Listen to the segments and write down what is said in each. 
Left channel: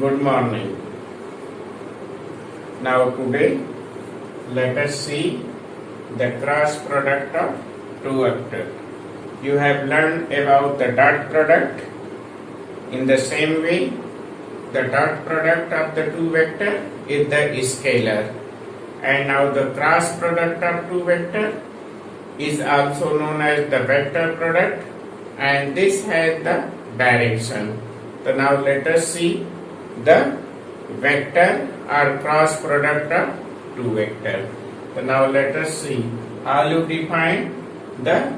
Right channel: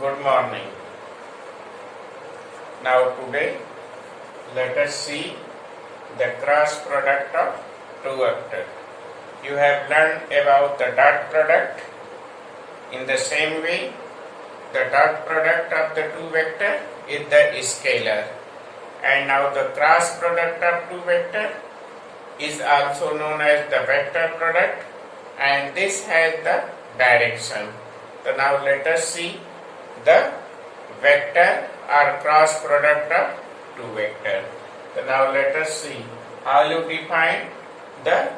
Good morning. Now today let us see the cross product of two vectors. You have learned about the dot product. In the same way, the dot product of the two vectors is the scalar. And now the cross product of two vectors is also known as the vector product, and this has the direction. So now let us see the vector or cross product of two vectors. So now let us see how you define the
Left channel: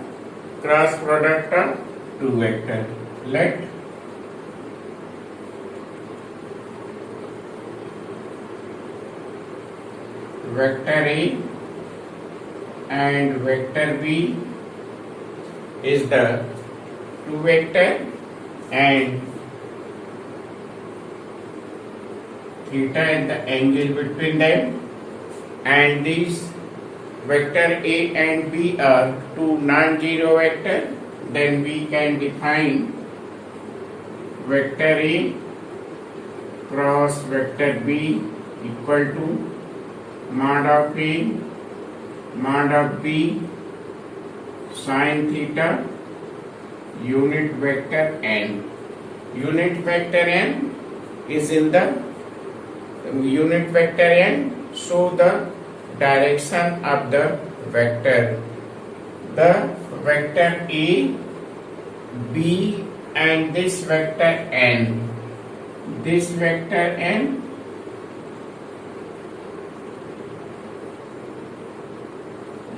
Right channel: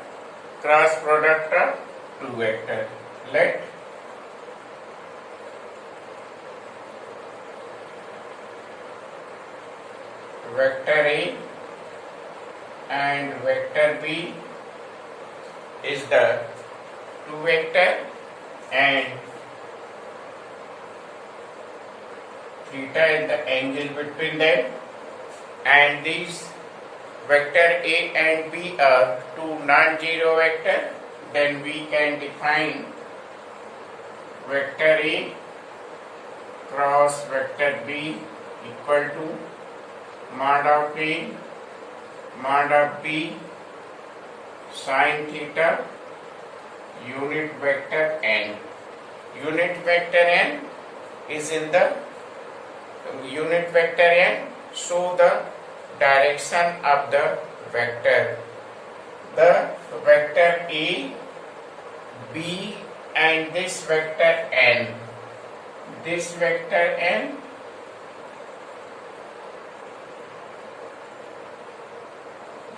cross product of two vectors. Let vector A and vector B is the two vector, and theta is the angle between them, and these vector A and B are two non-zero vector. Then we can define vector A cross vector B equal to mod of A mod of B sin theta unit vector n. Unit vector n is in the unit vector n show the direction of the vector. The vector A, B and this vector n. This vector n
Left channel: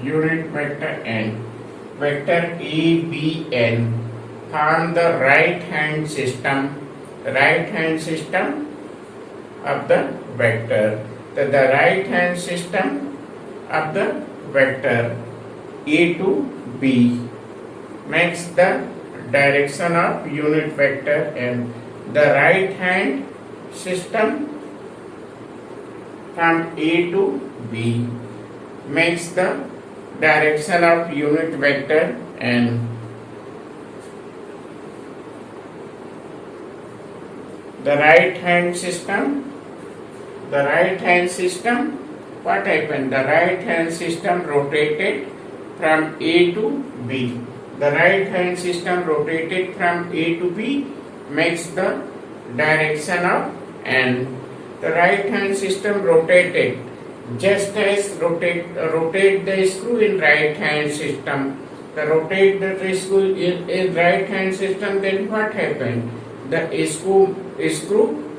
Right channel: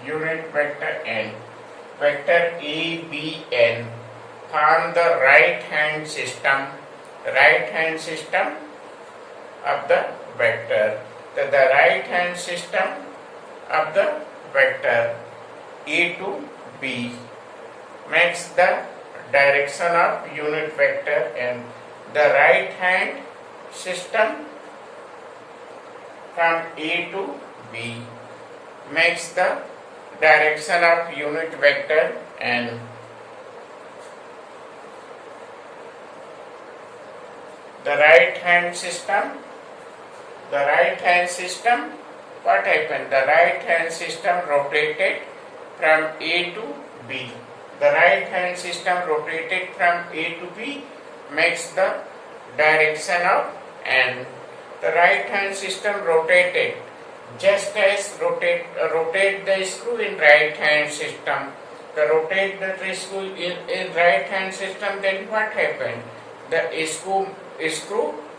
unit vector n. Vector A, B, n form the right hand system of the vector. The right hand system of the vector A to B makes the direction of unit vector n. The right hand system from A to B makes the direction of unit vector n. The right hand system, what happened? The right hand system rotated from A to B. The right hand system rotated from A to B makes the direction of n. The right hand system rotated just as rotate the screw in right hand system. The rotate the screw in right hand system, then what happened? The screw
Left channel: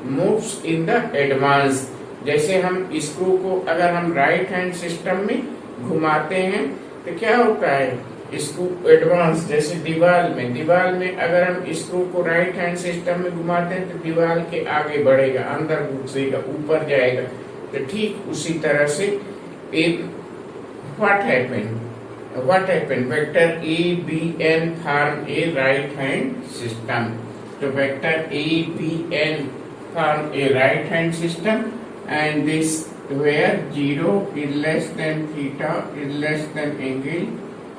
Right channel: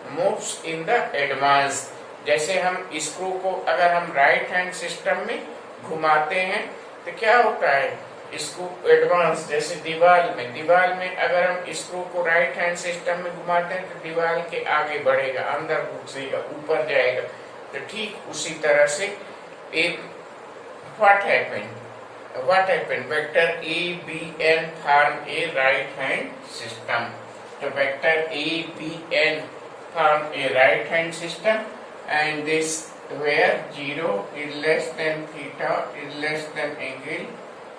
moves in the advance. जैसे हम screw को अगर हम right hand system में घुमाते हैं तो क्या होता है, स्क्रू एडवांस. जैसे दीवार में अगर हम स्क्रू को राइट हैंड सिस्टम में घुमाते हैं तो दीवार के आगे बढ़ेगा, अंदर घुसेगा, ऊपर जाएगा. तो ठीक उसी तरह से what happened vector A, B, n form a right hand system. So vector A, B, n form a right hand system, and this where 0 is less than theta is less than angle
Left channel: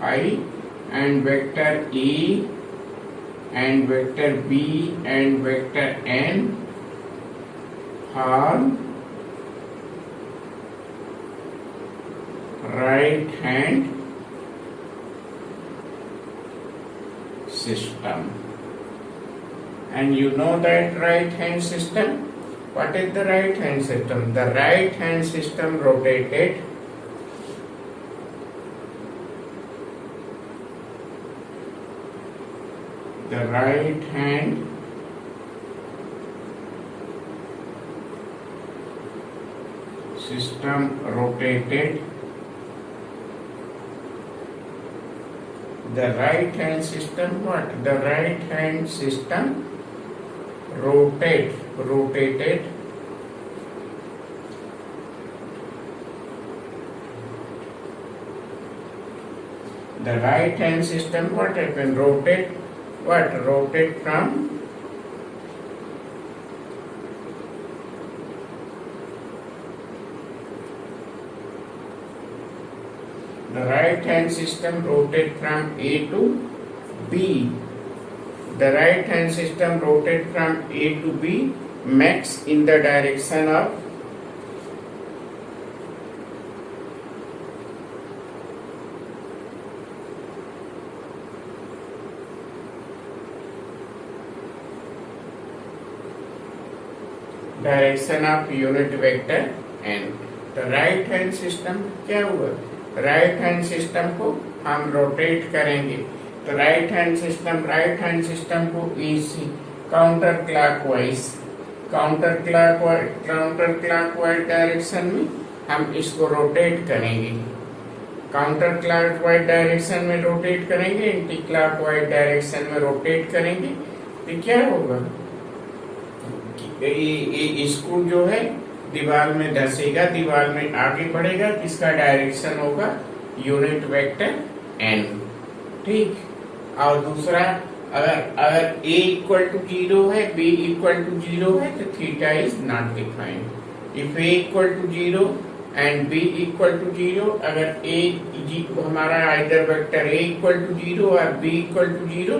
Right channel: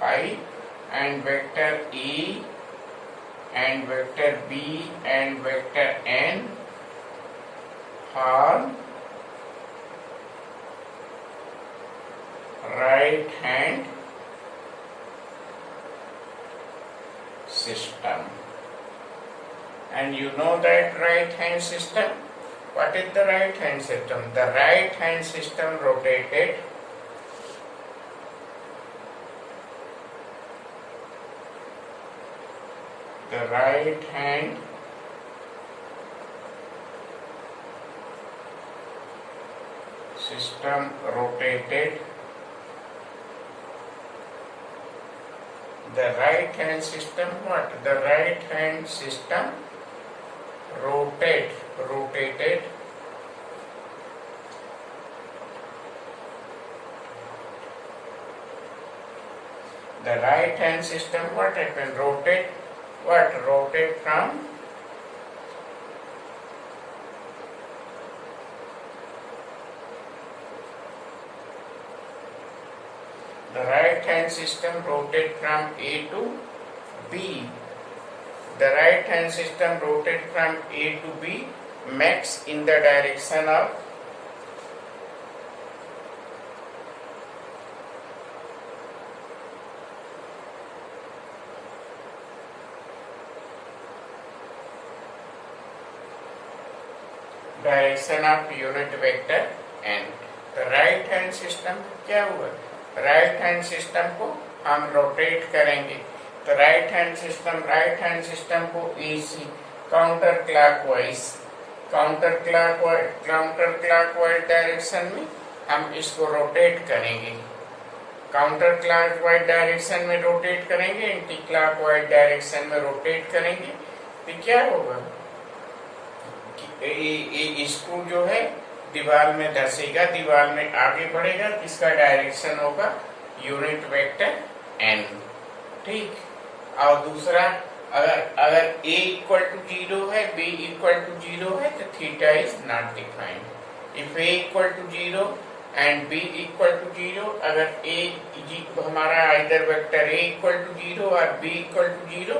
phi, and vector A and vector B and vector n form right hand system. And you know that right hand system. What is the right hand system? The right hand system rotated the right hand system what? The right hand system rotated the right hand system what happened? Rotate from the right hand system rotate from A to B. The right hand system rotate from A to B makes in the direction of unit vector n. तो right hand system क्या हुआ, right hand system को हम rotate करेंगे। तो right hand system को इसी counter clockwise direction में हम इसको रोटेट करेंगे। काउंटर क्लॉकवाइज डायरेक्शन में रोटेट करेंगे, एंटी क्लॉकवाइज डायरेक्शन में रोटेट करेंगे। तो क्या होगा, इसको जो है दीवार में धसेगा, दीवार में आगे बढ़ेगा, किसका डायरेक्शन होगा, यूनिट वेक्टर n। ठीक। और दूसरा, अगर a इक्वल टू 0 है, b इक्वल टू 0 है, तो theta is not defined. If a equal to 0 and b equal to 0, अगर a हमारा either vector a equal to 0 और b equal to 0,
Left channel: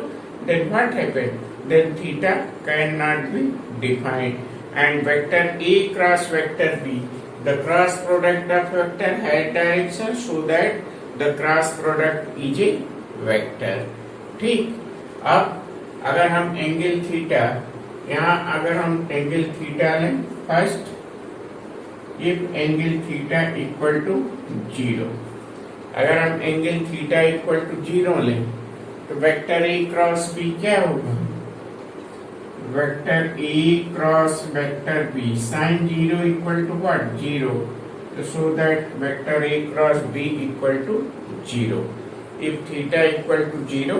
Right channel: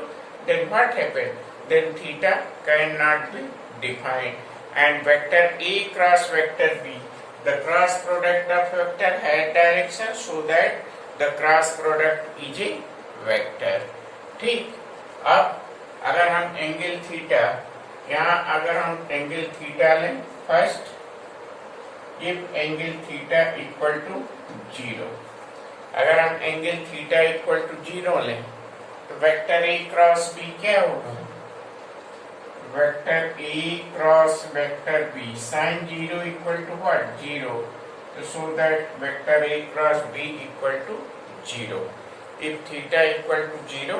then what happened? Then theta cannot be defined. And vector A cross vector B, the cross product of vector has direction, so that the cross product is a vector. ठीक। अब अगर हम angle theta, यहाँ अगर हम angle theta लें, first if angle theta equal to 0, अगर हम एंगल थीटा इक्वल टू 0 लें, तो वेक्टर A क्रॉस B क्या होगा, vector A cross vector B sin 0 equal to what, 0। तो so that vector A cross B equal to 0। If theta equal to 0,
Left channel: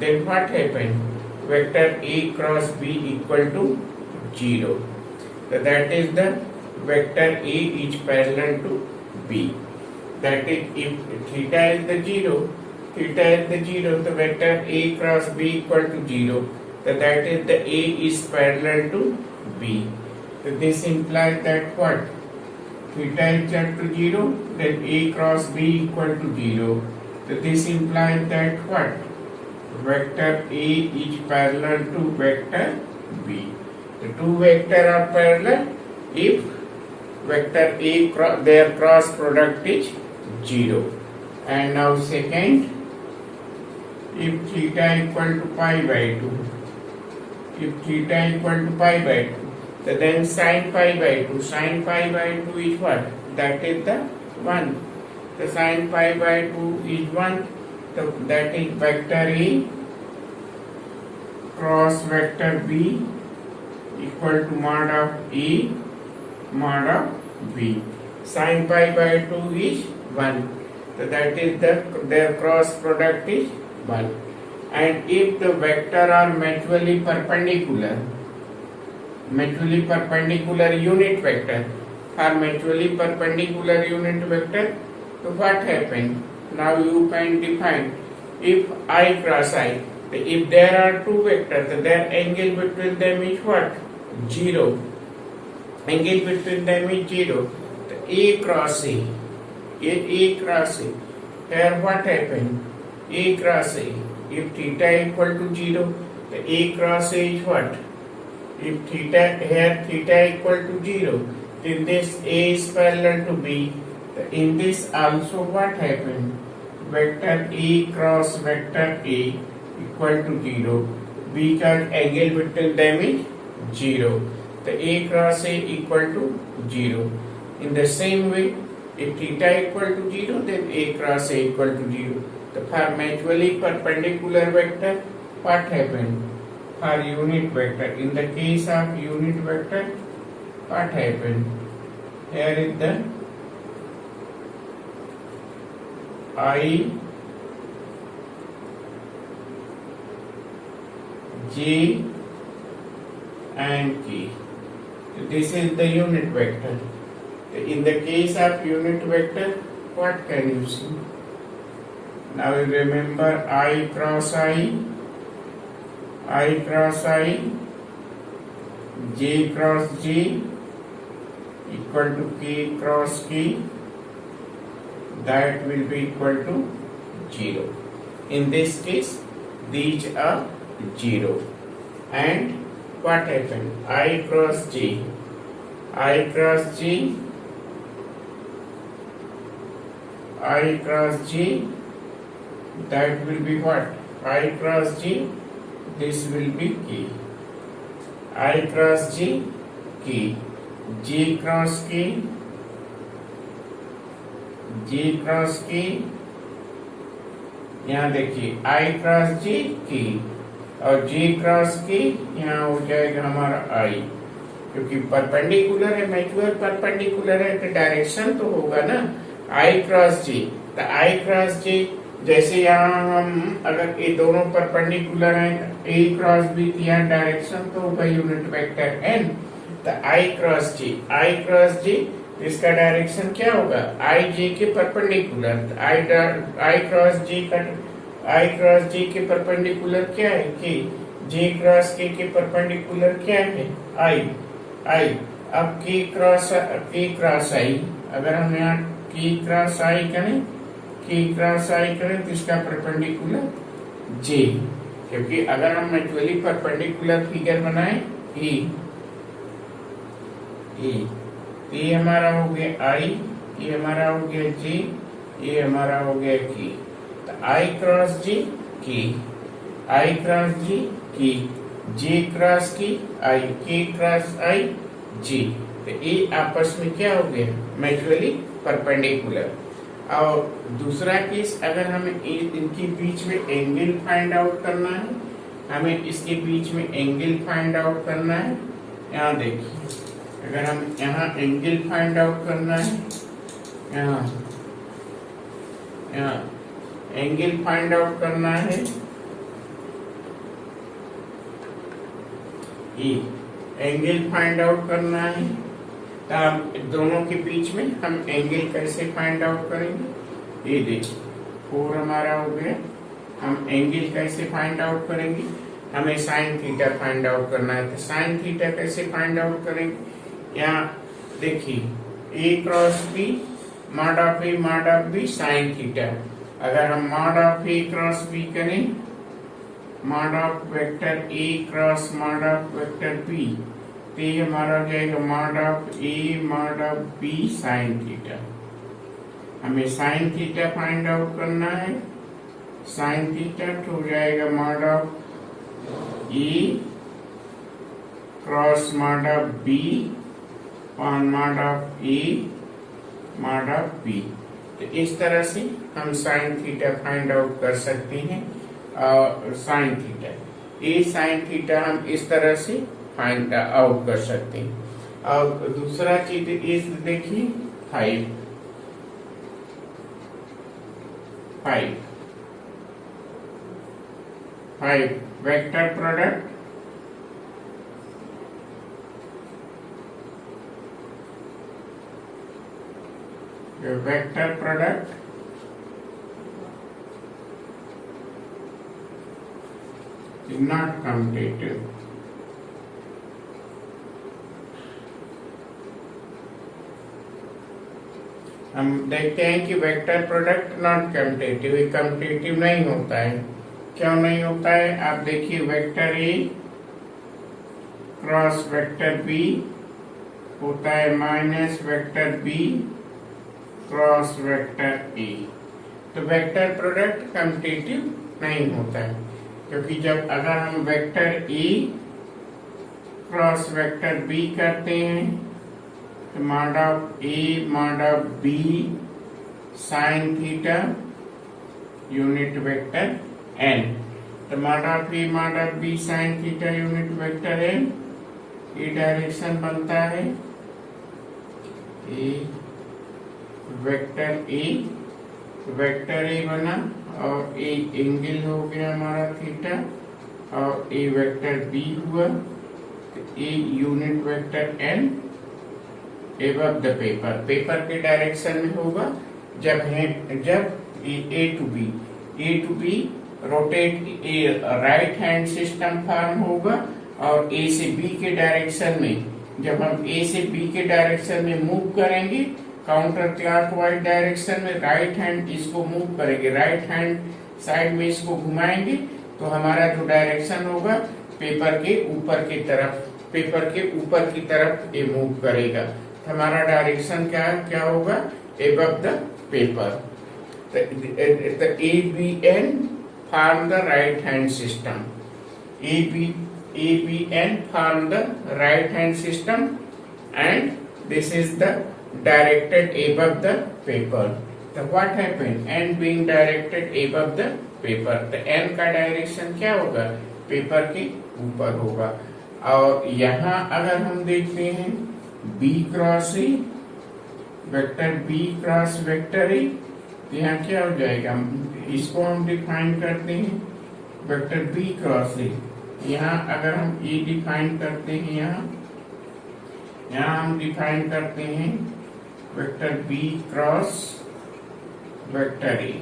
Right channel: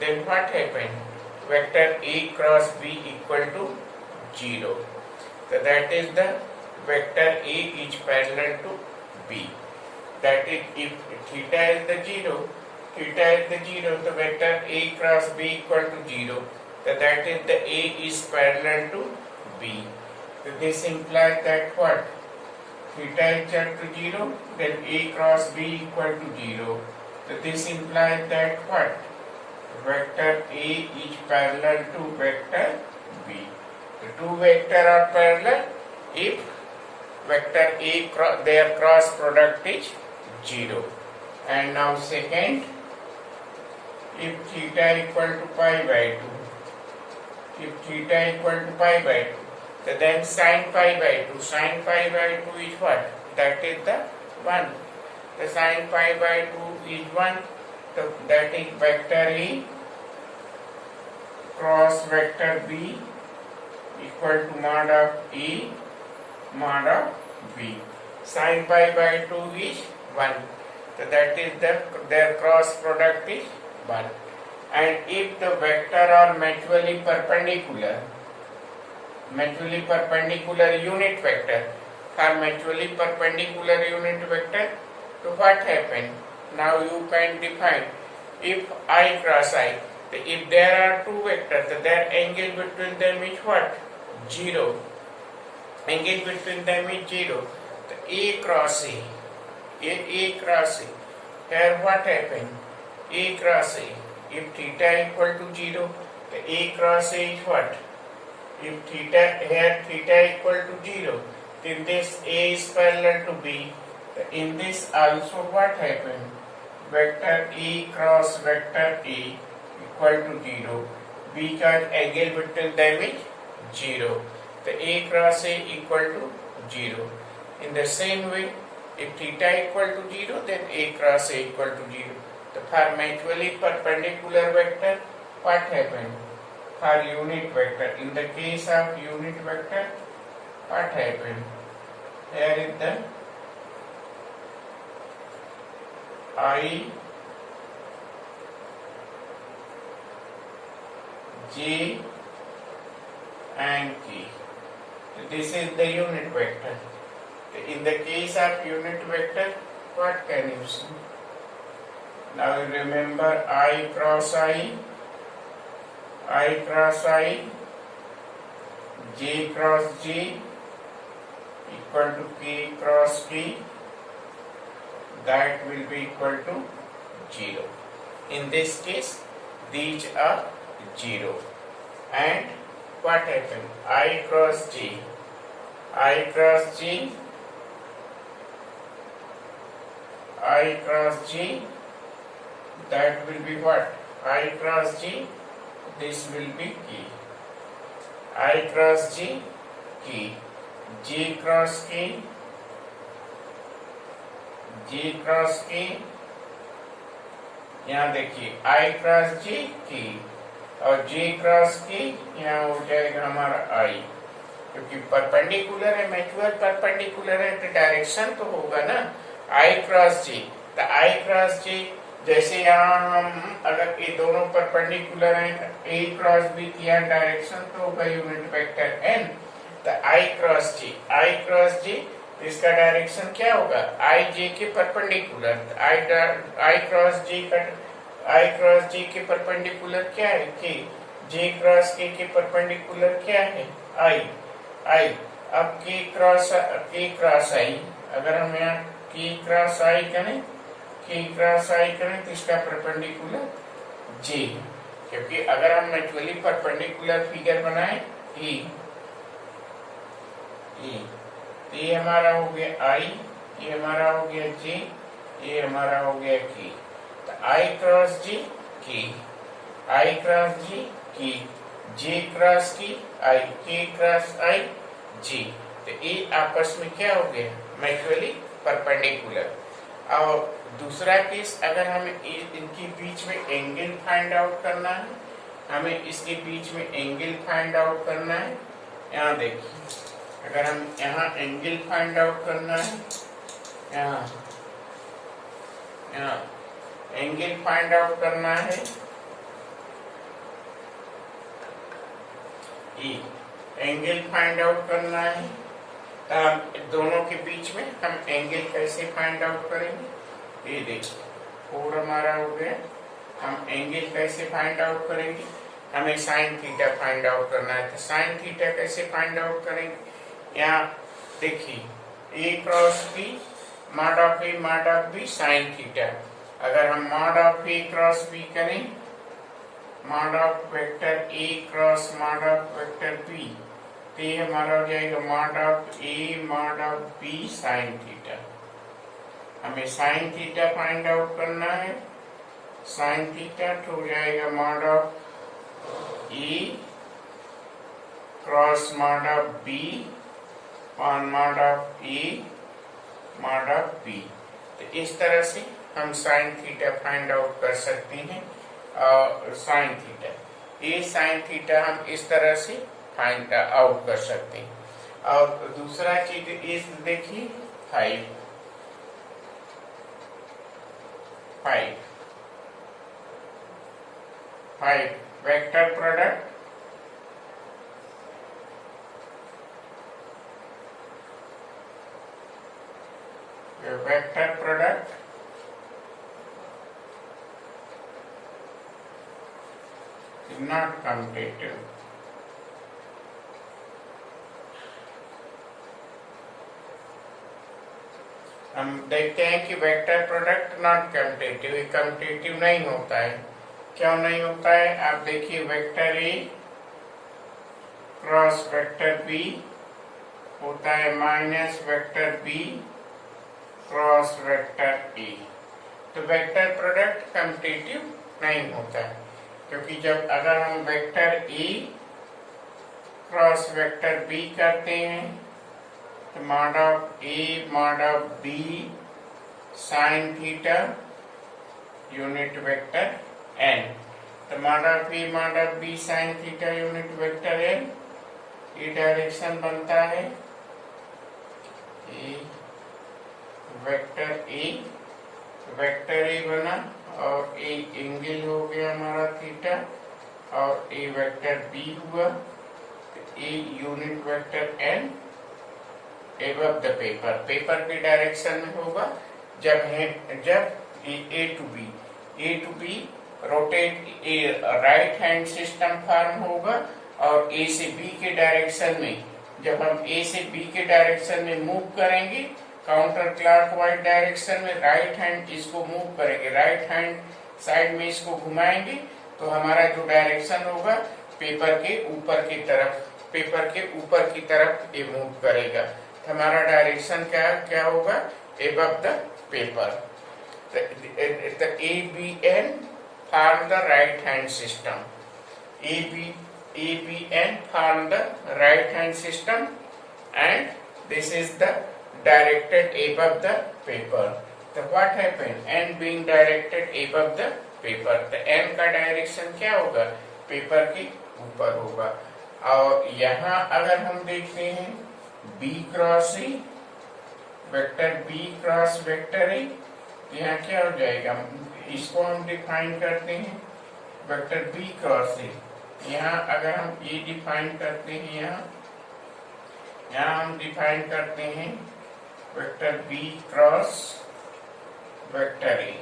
then what happen, vector A cross B equal to 0। तो that is the vector A is parallel to B। That is if theta is the 0, तो vector A cross B equal to 0। So that is the A is parallel to B. So this implies that what? Theta is equal to 0, then A cross B equal to 0. So this implies that what? Vector A is parallel to vector B. The two vectors are parallel if vector A their cross product is 0. And now second, if theta equal to pi by 2. If theta equal to pi by 2, so then sin pi by 2 is what? That is the 1. So sin pi by 2 is 1. So that is vector A cross vector B equal to mod of A mod of B. Sin pi by 2 is 1. So that is their cross product is 1. And if the vector are mutually perpendicular unit vector, for mutually perpendicular unit vector, so what happen? Now you can define if I cross I, if there are two vectors, so their angle between them is what? 0. Angle between them is 0. So A cross A. Here what happen? A cross A. If theta equal to 0, the A cross A is what? If theta equal to 0, then this A is parallel to B. In this also what happened? Vector A cross vector A equal to 0, because angle between them is 0. The A cross A equal to 0. In the same way, if theta equal to 0, then A cross A equal to 0. So for mutually perpendicular vector, what happened? For unit vector, in the case of unit vector, what happened? Here is the I, J and K. This is the unit vector. In the case of unit vector, what can you see? Now you remember I cross I, J cross J equal to K cross K, that will be equal to 0. In this case, these are 0. And what happen? I cross J. I cross J. I cross J. That will be what? I cross J. This will be K. I cross J. K. J cross K. J cross K. यहाँ देखिए I cross J K और J cross K यहाँ हो जाएगा हमारा I, क्योंकि perpendicular है, mutual perpendicular है तो डायरेक्शन तो होगा ना I क्रॉस J। तो I क्रॉस J जैसे यहाँ हम अगर ये दोनों परपेंडिकुलर हैं A क्रॉस B यहाँ डायरेक्शन तो होगा यूनिट वेक्टर n। तो I क्रॉस J इसका डायरेक्शन क्या होगा? आई जे के परपेंडिकुलर। आई क्रॉस जे के परपेंडिकुलर क्या है? के। जे क्रॉस के परपेंडिकुलर क्या है? आई। अब के क्रॉस आई, अगर हम यहाँ के क्रॉस आई करें तो इसका परपेंडिकुलर जे, क्योंकि अगर हम म्यूचुअली परपेंडिकुलर फिगर बनाए ये हमारा हो गया आई, ये हमारा हो गया जे, ये हमारा हो गया के। तो आई क्रॉस जे के, आई क्रॉस जे के, जे क्रॉस की आई, के क्रॉस आई जे। तो ये आपस में क्या हो गया? Mutually perpendicular. और दूसरा केस, अगर हमें इनके बीच में एंगल फाइंड आउट करना है, हमें इसके बीच में एंगल फाइंड आउट करना है। यहाँ देखिए, अगर हम यहाँ एंगल फाइंड आउट करना है, यहाँ एंगल फाइंड आउट करना है, ये एंगल फाइंड आउट करना है, तो हम दोनों के बीच में हम एंगल कैसे फाइंड आउट करेंगे? ये देखिए 4 हमारा हो गया। हम एंगल कैसे फाइंड आउट करेंगे? हमें साइन थीटा फाइंड आउट करना है। तो साइन थीटा कैसे फाइंड आउट करेंगे? यहाँ देखिए A cross B mod of B sine theta. अगर हम mod of A cross B करें, mod of vector A cross mod of vector B, तो ये हमारा हो जाएगा mod of A mod of B sine theta. हमें साइन थीटा फाइंड आउट करना है। साइन थीटा तो हो जाएगा mod of A cross mod of B on mod of A mod of B. तो इस तरह से हम साइन थीटा फाइंड आउट कर सकते हैं। और साइन थीटा, ये साइन थीटा हम इस तरह से फाइंड आउट कर सकते हैं। और दूसरा चीज इस देखिए 5 vector product is not commutative. हम देखते हैं कि vector product not commutative, commutative नहीं होता है। क्यों नहीं होता है? आप देखिए vector A cross vector B होता है minus vector B cross vector A. तो वेक्टर प्रोडक्ट कम्यूटेटिव नहीं होता है, क्योंकि जब अगर हम vector A cross vector B करते हैं तो mod of A mod of B sine theta unit vector N. तो mod of A mod of B sine theta unit vector N, ये डायरेक्शन बनता है ए वेक्टर ए बना और ए एंगल हो गया हमारा थीटा और ए वेक्टर बी हुआ। A unit vector N above the paper के डायरेक्शन में होगा। जब A to B rotate right hand system form होगा और ए से बी के डायरेक्शन में, जब हम ए से बी के डायरेक्शन में मूव करेंगे काउंटर क्लॉकवाइज डायरेक्शन में, राइट हैंड इसको मूव करेंगे, राइट हैंड साइड में इसको घुमाएंगे तो हमारा जो डायरेक्शन होगा पेपर के ऊपर की तरफ ये मूव करेगा। तो हमारा डायरेक्शन क्या होगा, above the paper. The ABN form the right hand system. ABN form the right hand system, and this is the directed above the paper. So what happened? N being directed above the paper. तो N का direction क्या होगा, paper के ऊपर होगा। और यहाँ अगर हम देखते हैं B cross A, vector B cross vector A, यहाँ क्या हो जाएगा, इसको हम डिफाइन करते हैं वेक्टर B क्रॉस A। यहाँ अगर हम A डिफाइन करते हैं, यहाँ हम डिफाइन करते हैं vector B cross vector A।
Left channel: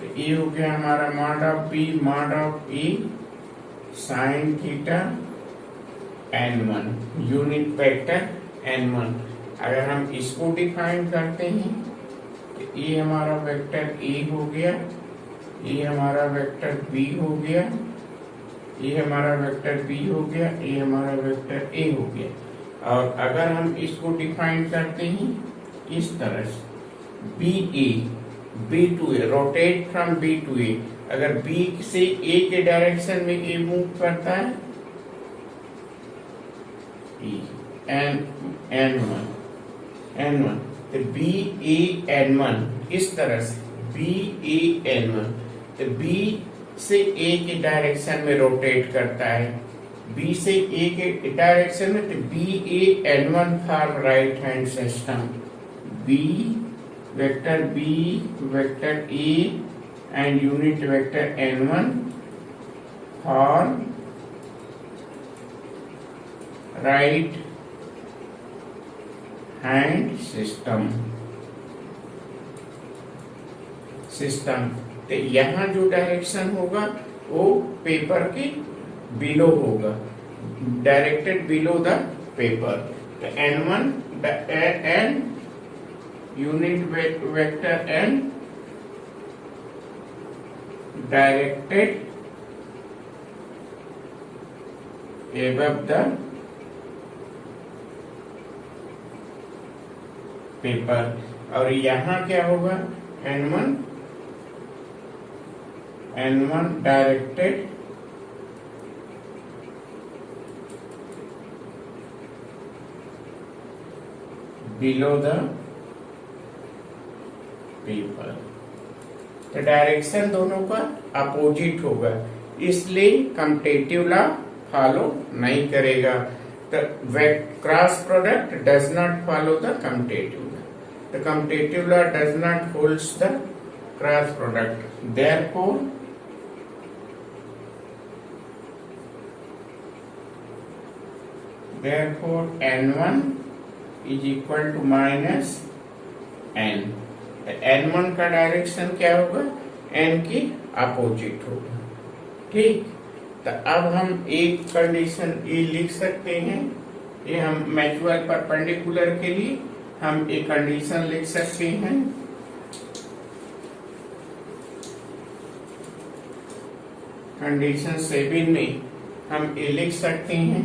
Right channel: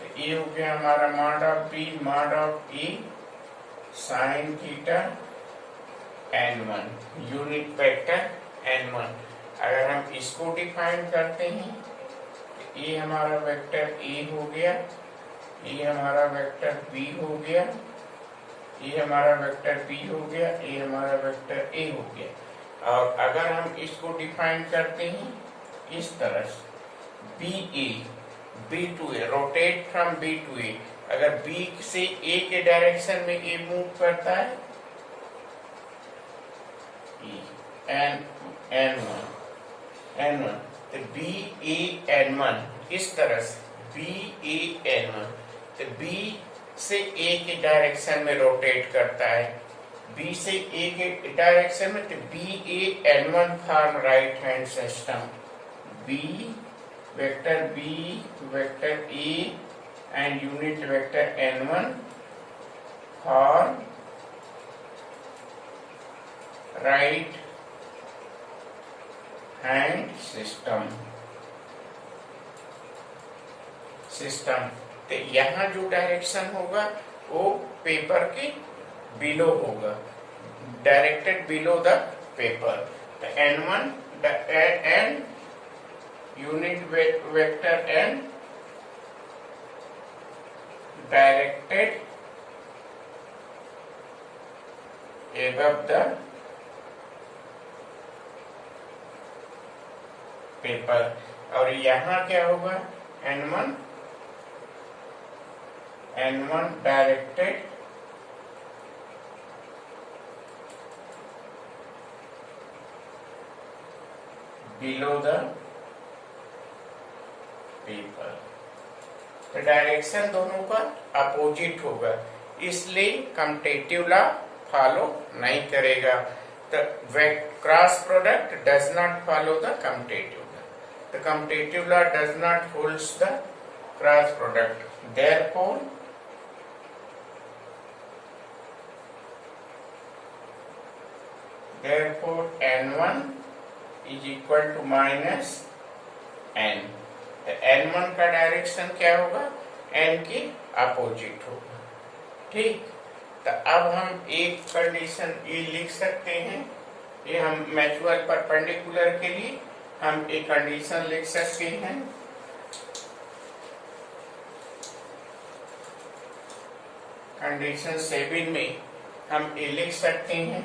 तो ये हो गया हमारा mod of B mod of A sine theta n1, unit vector n1। अगर हम इसको डिफाइन करते हैं तो ये हमारा वेक्टर A हो गया, ये हमारा वेक्टर B हो गया, ये हमारा वेक्टर B हो गया, ये हमारा वेक्टर A हो गया। और अगर हम इसको डिफाइन करते हैं इस तरह से B to A, rotate from B to A, अगर B से A के डायरेक्शन में A मूव करता है, N1 तो BAN1 इस तरह से BAN1, तो B से A के डायरेक्शन में रोटेट करता है, B से A के डायरेक्शन में, तो BAN1 for right hand system, B vector A and unit vector N1 for right hand system. तो यहाँ जो डायरेक्शन होगा वो पेपर के बिलो होगा, डायरेक्टेड बिलो द पेपर। तो N1 N unit vector N directed above the paper. और यहाँ क्या होगा, N1 directed below the paper. तो डायरेक्शन दोनों का अपोजिट होगा, इसलिए कम्यूटेटिव लॉ फॉलो नहीं करेगा। तो cross product does not follow the commutative law. The commutative law does not holds the cross product. Therefore, N1 is equal to minus N. N1 का direction क्या होगा, N की opposite होगा। ठीक, तो अब हम एक कंडीशन ये लिख सकते हैं, ये हम म्यूचुअल परपेंडिकुलर के लिए हम एक कंडीशन लिख सकते हैं। कंडीशन 7 में हम ये लिख सकते हैं,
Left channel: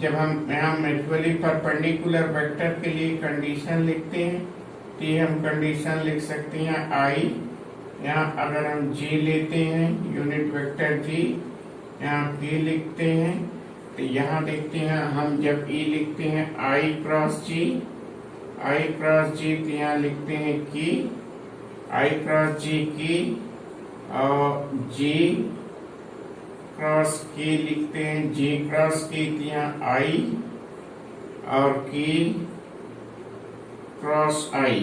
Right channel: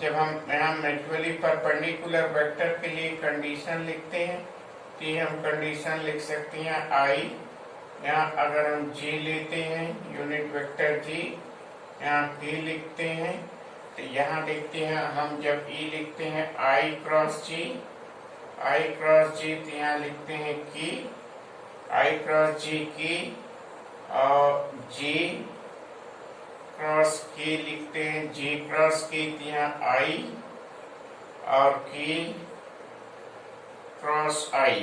जब हम यहाँ म्यूचुअली परपेंडिकुलर वेक्टर के लिए कंडीशन लिखते हैं तो हम कंडीशन लिख सकते हैं I, यहाँ अगर हम G लेते हैं यूनिट वेक्टर G, यहाँ K लिखते हैं, तो यहाँ देखते हैं हम जब E लिखते हैं I क्रॉस G, तो यहाँ लिखते हैं K, I cross G K, और J क्रॉस K लिखते हैं J क्रॉस K, तो यहाँ I, और K cross I,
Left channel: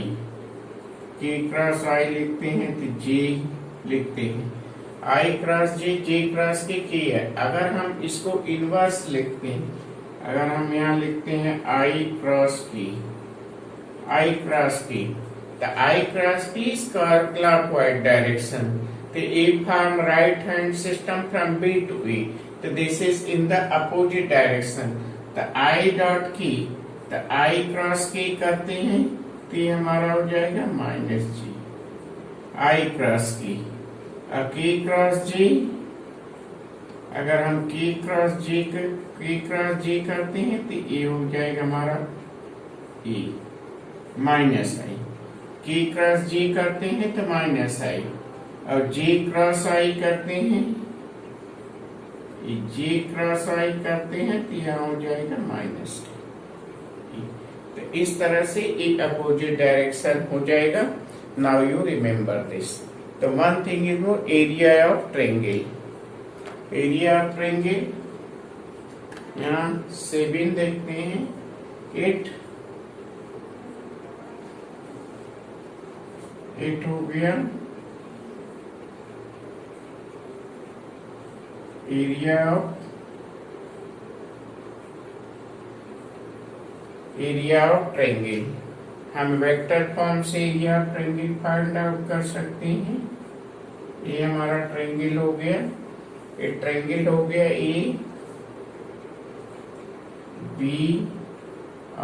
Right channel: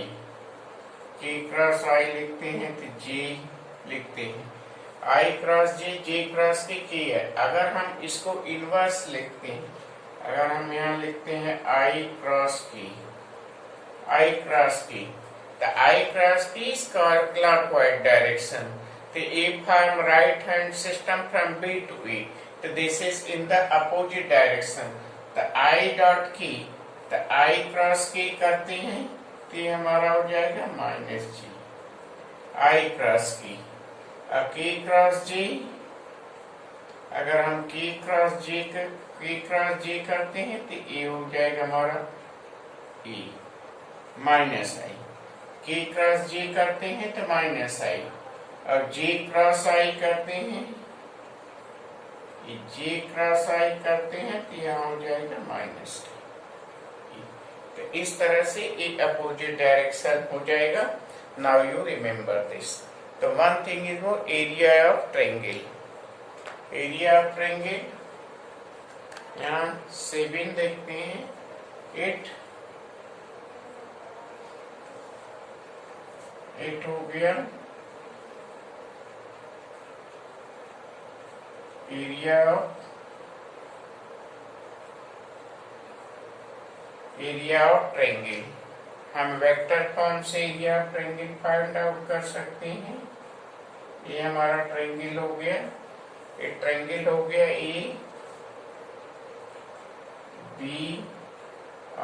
K cross I लिखते हैं तो J लिखते हैं, I cross J cross K है। अगर हम इसको इनवर्स लिखते हैं, अगर हम यहाँ लिखते हैं I क्रॉस K, तो I cross K is clockwise direction, तो A form right hand system from B to A, तो this is in the opposite direction, तो I डॉट K, तो I क्रॉस K करते हैं तो ये हमारा हो जाएगा minus G, I cross K, K cross J, अगर हम के क्रॉस जे करते हैं तो ए हो जाएगा हमारा ए माइनस आई। के क्रॉस जे करते हैं तो माइनस आई, और जे क्रॉस आई करते हैं, जे क्रॉस आई करते हैं तो यहाँ हो जाएगा माइनस। तो इस तरह से एक अपोजिट डायरेक्शन हो जाएगा। Now you remember this. तो वन थिंग इज वो area of triangle, area of triangle यहाँ 7 देखते हैं, 8 हो गया। एरिया ऑफ ट्रायंगल हम वेक्टर फॉर्म से area of triangle find out कर सकते हैं। ये हमारा ट्रायंगल हो गया, एक ट्रायंगल हो गया ए बी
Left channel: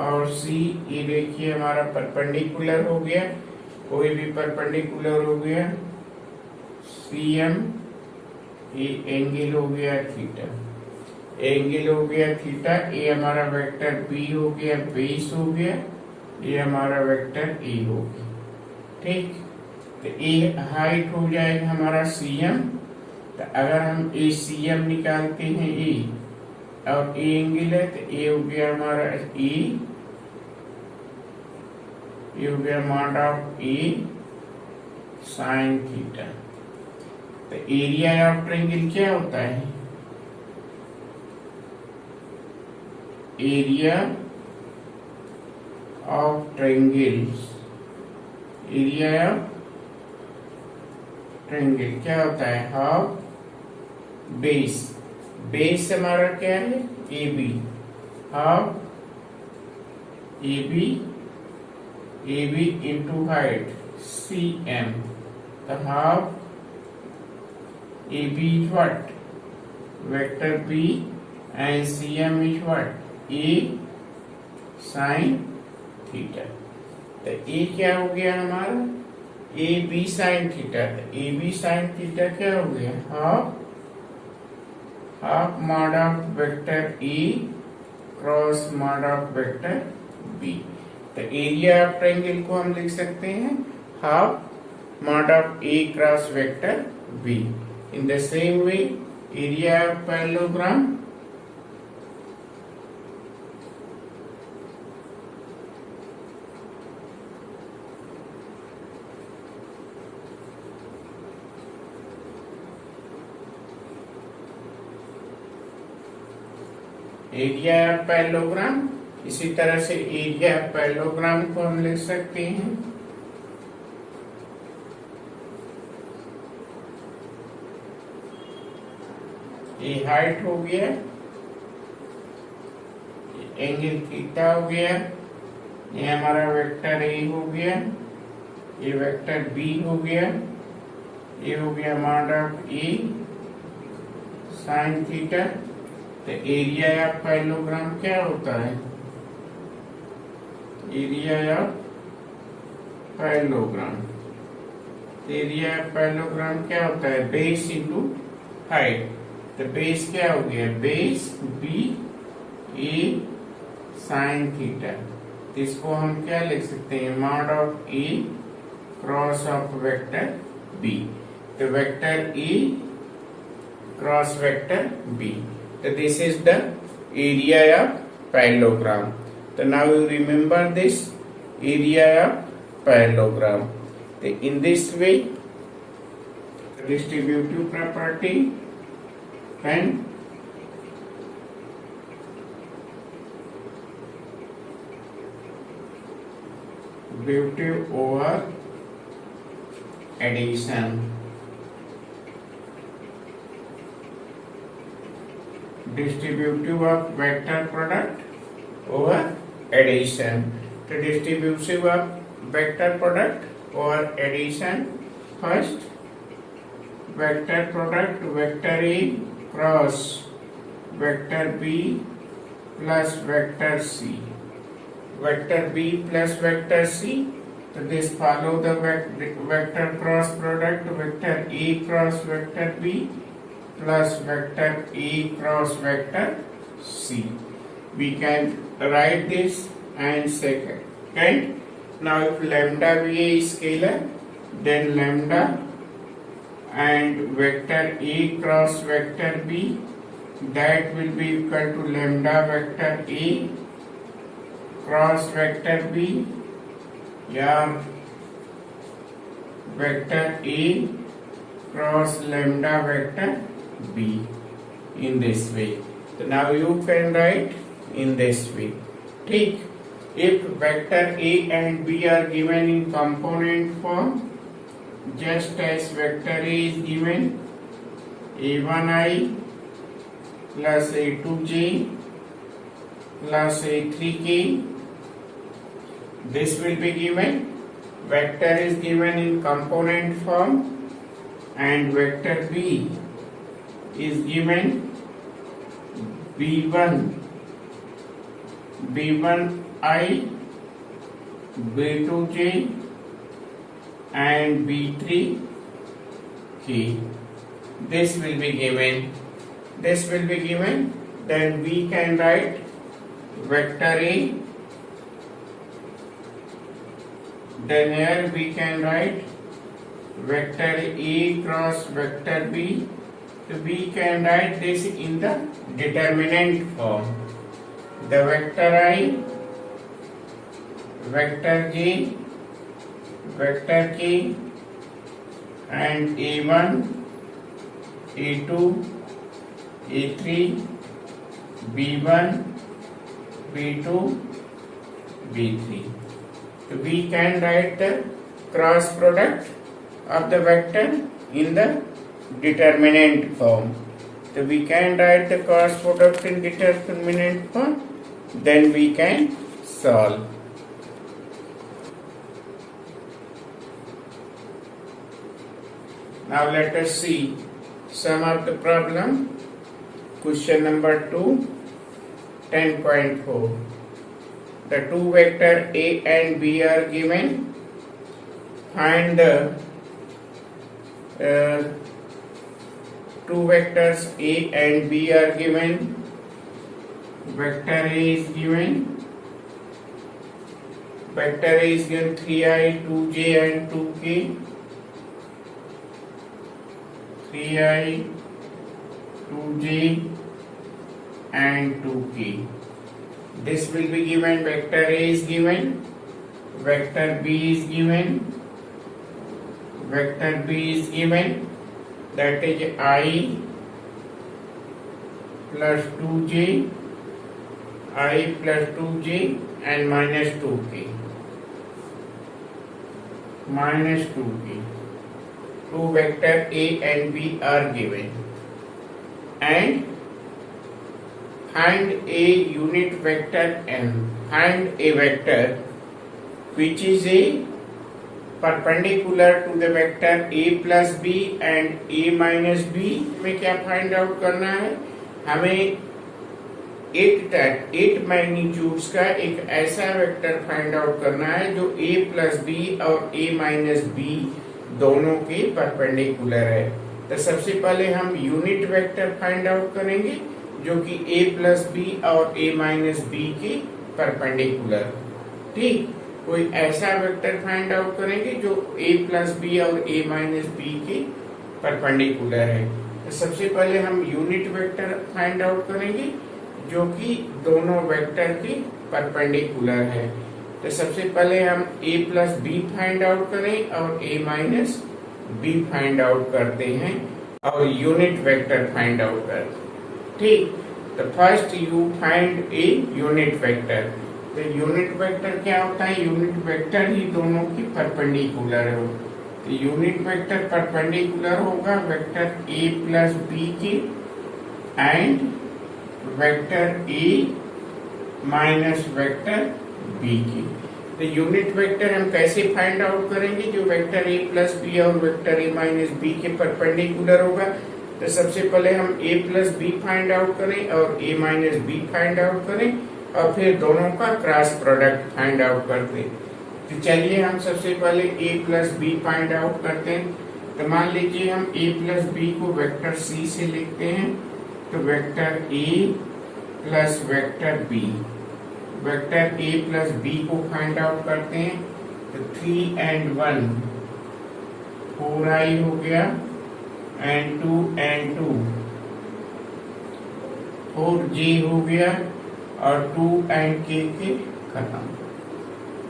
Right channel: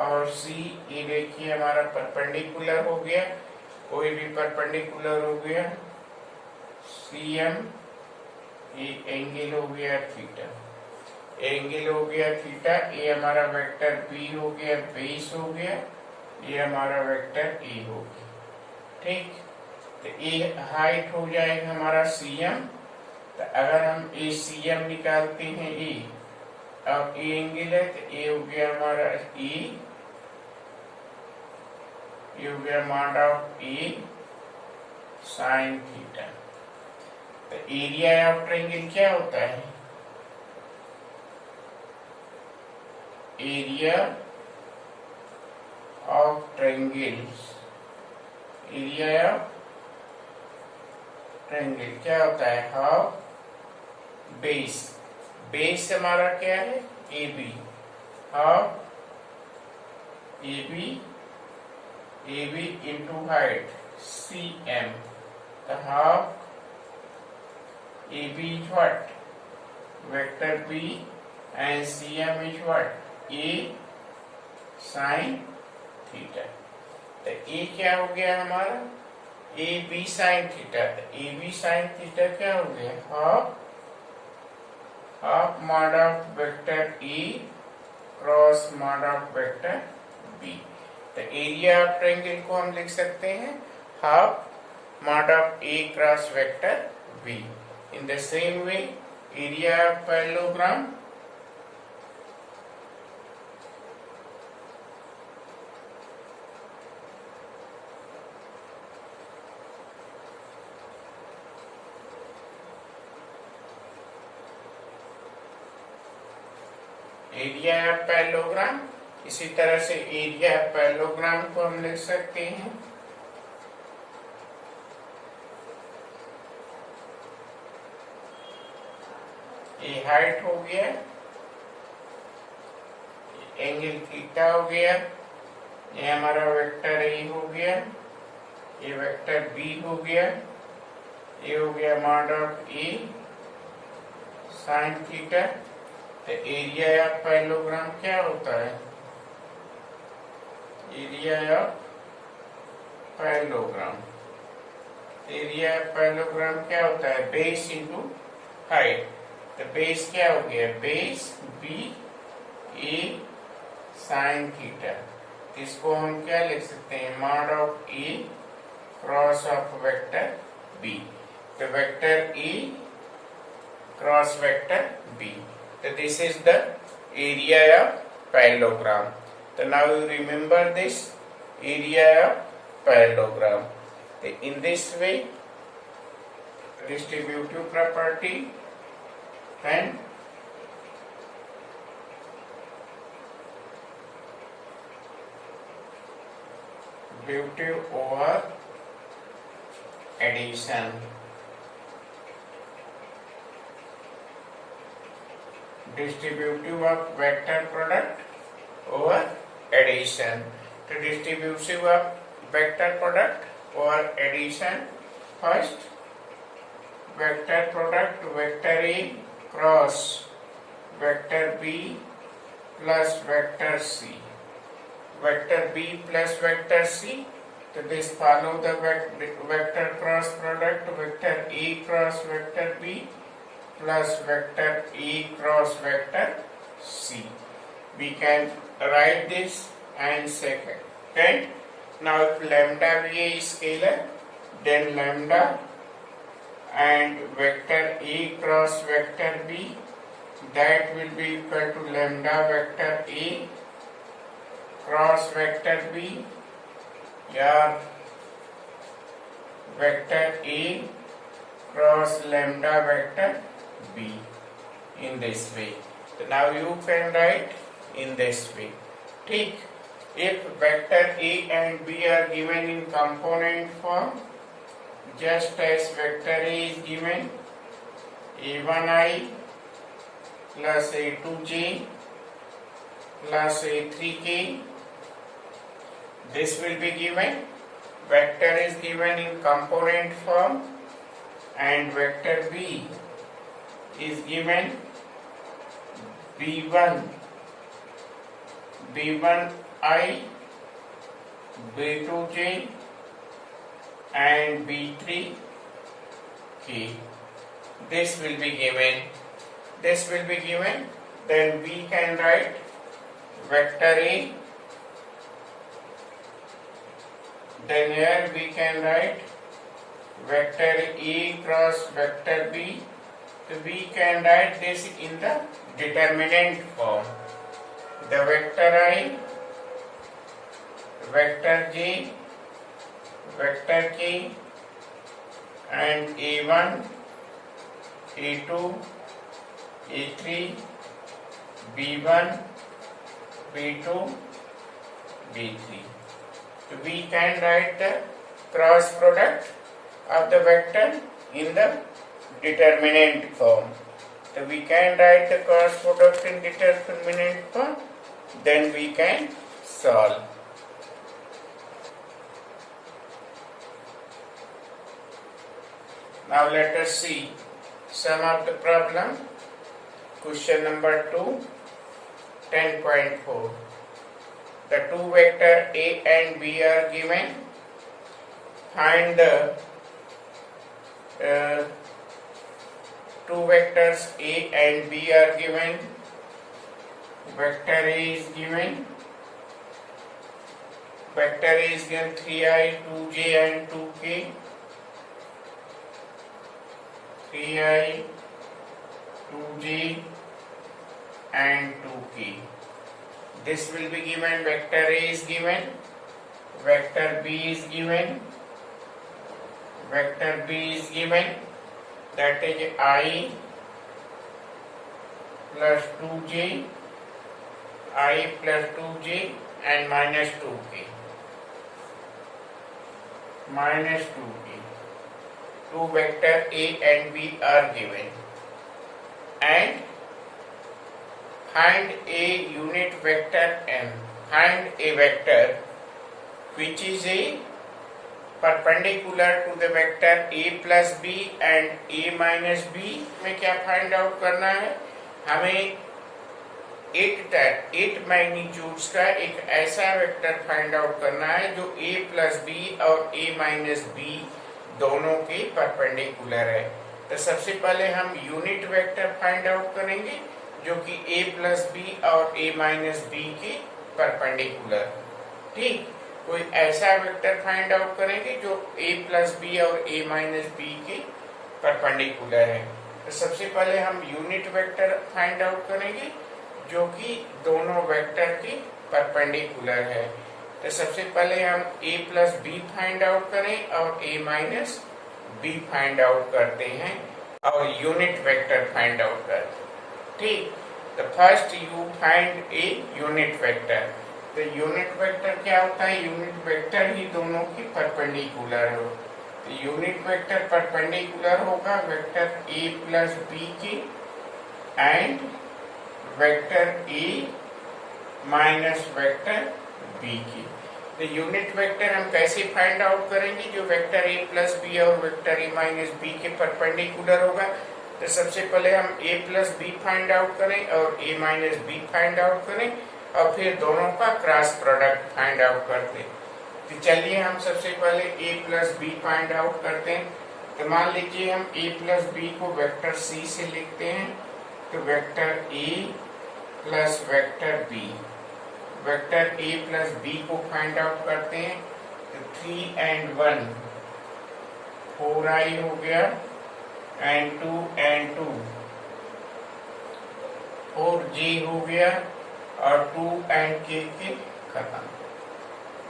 और सी। ये देखिए हमारा परपेंडिकुलर हो गया, कोई भी परपेंडिकुलर हो गया। सी एम, ये एंगल हो गया थीटा, एंगल हो गया थीटा। ये हमारा वेक्टर बी हो गया, बेस हो गया। ये हमारा वेक्टर ए हो गया। ठीक, तो ए हाइट हो जाएगा हमारा सी एम। तो अगर हम ए सी एम निकालते हैं ए, और ए एंगल है तो ए हो गया हमारा ए, ये हो गया mod of A sine theta. तो एरिया ऑफ ट्रायंगल क्या होता है? Area of triangle, area of triangle क्या होता है? हाफ बेस, बेस हमारा क्या है? A B, half A B into height C M. तो half A B is what? Vector B, and C M is what? A sine theta. तो A क्या हो गया हमारा? A B sine theta. तो ए बी साइन थीटा क्या हो गया? Half mod of vector A cross mod of vector B. तो एरिया ऑफ ट्रायंगल को हम लिख सकते हैं half mod of A cross vector B. In the same way area of parallelogram, area of parallelogram, इसी तरह से एरिया ऑफ पैरेललोग्राम को हम लिख सकते हैं ये हाइट हो गया, एंगल थीटा हो गया, ये हमारा वेक्टर ए हो गया, ये वेक्टर बी हो गया, ये हो गया mod of A sine theta. तो एरिया ऑफ पैरेललोग्राम क्या होता है? Area of parallelogram, area of parallelogram क्या होता है? Base into height. तो बेस क्या हो गया? Base B A sine theta. इसको हम क्या लिख सकते हैं? Mod of A cross of vector B. तो vector A cross vector B. So this is the area of parallelogram. So now you remember this area of parallelogram. So in this way, distributive property and distributive over addition, distributive of vector product over addition. तो distributive of vector product over addition, first vector product vector A cross vector B plus vector C, vector B plus vector C. So this follow the vector cross product vector A cross vector B plus vector A cross vector C. We can write this and second. Now if lambda be a scalar, then lambda and vector A cross vector B, that will be equal to lambda vector A cross vector B, या vector A cross lambda vector B, in this way. So now you can write in this way. ठीक, if vector A and B are given in component form, just as vector A is given a1i plus a2j plus a3k, this will be given. Vector is given in component form and vector B is given b1i, b2j and b3k. This will be given. Then we can write vector A. Then here we can write vector A cross vector B. So we can write this in the determinant form. The vector I, vector J, vector K and A1, A2, A3, B1, B2, B3. So we can write the cross product of the vector in the determinant form. So we can write the cross product in determinant form, then we can solve. Now let us see some of the problem. Question number 2, 10.4. The two vector A and B are given. Find the two vectors A and B are given. Vector A is given. Vector A is given 3i, 2j and 2k. 3i, 2j and 2k. This will be given. Vector A is given. Vector B is given. Vector B is given. That is I plus 2j, I plus 2j and minus 2k. Minus 2k. Two vector A and B are given. And find a unit vector n. Find a vector which is a perpendicular to the vector A plus B and A minus B. में क्या find out करना है? हमें 8 magnitudes का एक ऐसा vector find out करना है जो A प्लस बी और A माइनस बी दोनों के परपेंडिकुलर है. तो सबसे पहले हम यूनिट वेक्टर फाइंड आउट करेंगे जो कि A प्लस बी और A माइनस बी के परपेंडिकुलर. ठीक, कोई ऐसा वेक्टर फाइंड आउट करेंगे जो A प्लस बी और A माइनस बी के परपेंडिकुलर है. तो सबसे पहले हम यूनिट वेक्टर फाइंड आउट करेंगे जो कि दोनों वेक्टर के परपेंडिकुलर है. तो सबसे पहले हम A plus B find out करें और A minus B find out करते हैं और यूनिट वेक्टर फाइंड आउट करते हैं. ठीक, तो first you find A unit vector. तो यूनिट वेक्टर क्या होता है? यूनिट वेक्टर ही दोनों की परपेंडिकुलर हो. तो यूनिट वेक्टर परपेंडिकुलर होगा वेक्टर A प्लस बी के and vector A minus vector B की. तो यूनिट वेक्टर हम कैसे फाइंड आउट करेंगे? जो वेक्टर A प्लस बी और वेक्टर A माइनस बी के परपेंडिकुलर होगा. तो सबसे पहले हम A plus B find out करें और A minus B find out करें और फिर दोनों का क्रॉस प्रोडक्ट फाइंड आउट करते. तो चलिए हम सबसे पहले A plus B find out करते हैं. तो मान लीजिए हम a प्लस बी को वेक्टर c से लिखते हैं, तो vector a plus vector b, vector a plus b को फाइंड आउट करते हैं, तो 3 and 1 4i हो गया, and 2 and 2 4j हो गया, और 2 and k के खत्म।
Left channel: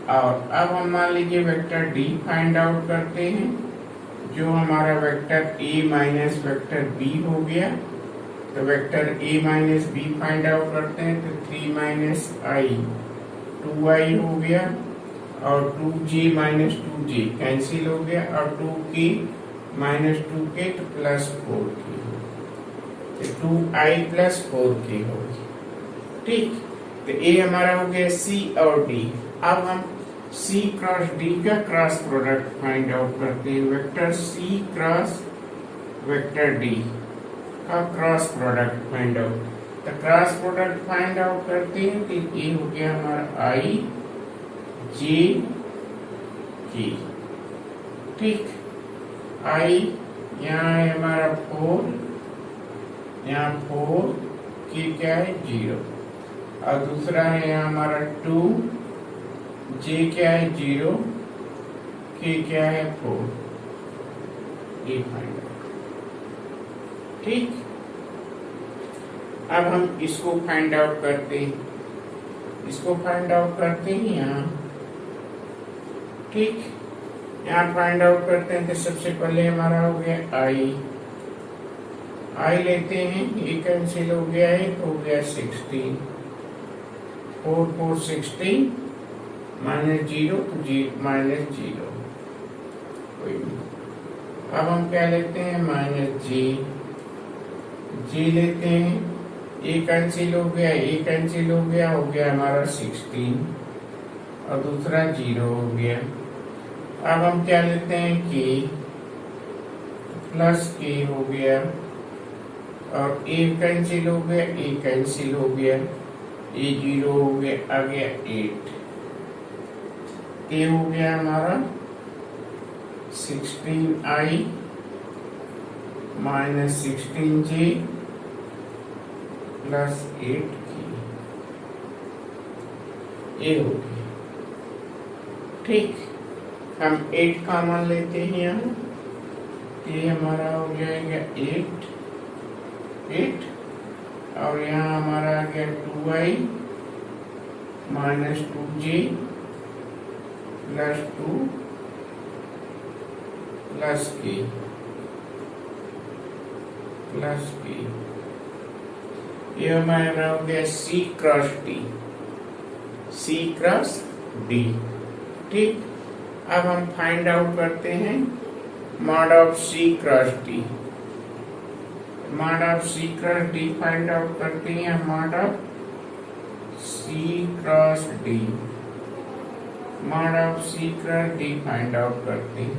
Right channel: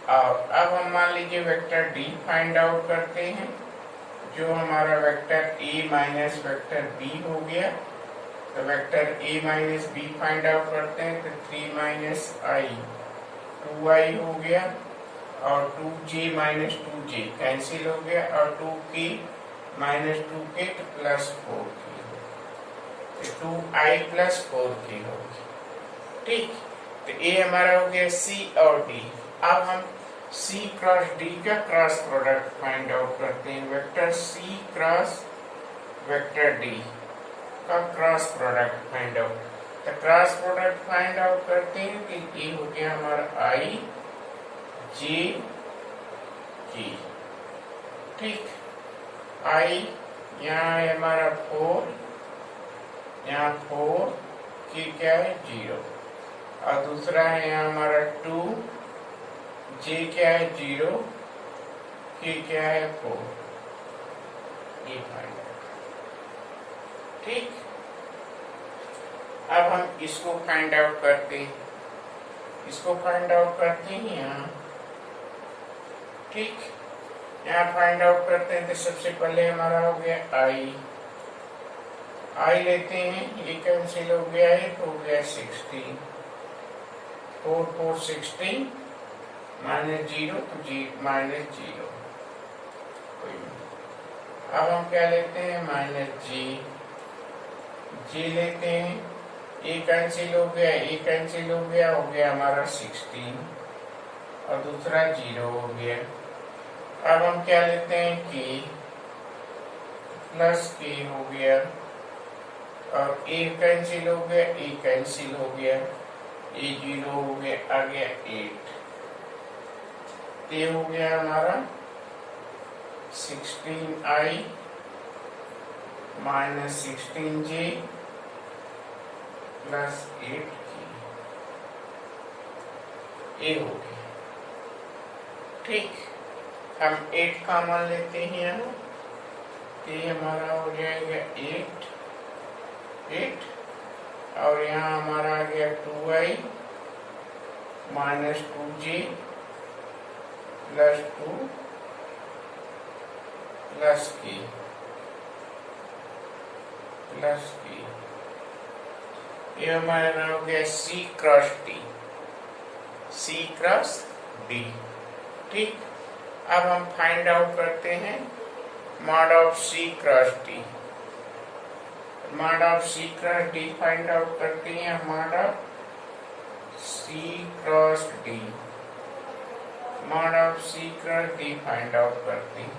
और अब हम मान लीजिए वेक्टर d फाइंड आउट करते हैं, जो हमारा vector a minus vector b हो गया, तो vector a minus b find out करते हैं, तो 3 माइनस i 2i हो गया, और 2j माइनस 2j कैंसिल हो गया, और 2k माइनस 2k तो प्लस 4k, तो 2i प्लस 4k होगी। ठीक, तो a हमारा हो गया c और d। अब हम c क्रॉस d का क्रॉस प्रोडक्ट फाइंड आउट करते हैं, vector c cross vector d का क्रॉस प्रोडक्ट फाइंड आउट। तो क्रॉस प्रोडक्ट फाइंड आउट करते हैं, तो ये हो गया हमारा i j k। ठीक, i यहाँ है हमारा 4, यहाँ 4 k क्या है 0, और दूसरा है यहाँ हमारा 2, j क्या है 0, k क्या है 4, ये फाइंड आउट। ठीक, अब हम इसको फाइंड आउट करते हैं, इसको फाइंड आउट करते हैं यहाँ। ठीक, यहाँ फाइंड आउट करते हैं, तो सबसे पहले हमारा हो गया i लेते हैं, ये कैंसिल हो गया है, तो हो गया 16, 4 4 16 माइनस 0, तो माइनस 0, कोई नहीं। अब हम क्या लेते हैं, माइनस जी लेते हैं, ए कैंसिल हो गया, ए कैंसिल हो गया हमारा 16, और दूसरा 0 हो गया। अब हम क्या लेते हैं, के प्लस के हो गया, और ए कैंसिल हो गया, ए कैंसिल हो गया, ए 0 हो गया, आ गया 8, ए हो गया हमारा 16i minus 16j plus 8k, ए हो गया। ठीक, हम 8 कॉमन लेते हैं यहाँ, ये हमारा हो जाएगा 8, और यहाँ हमारा आ गया 2i minus 2j plus 2 plus k plus k, ये हमारा हो गया c cross d, c cross d। ठीक, अब हम फाइंड आउट करते हैं mod of c cross d। Mod of c cross d find out करते हैं, mod of c cross d, mod of c cross d find out करते हैं।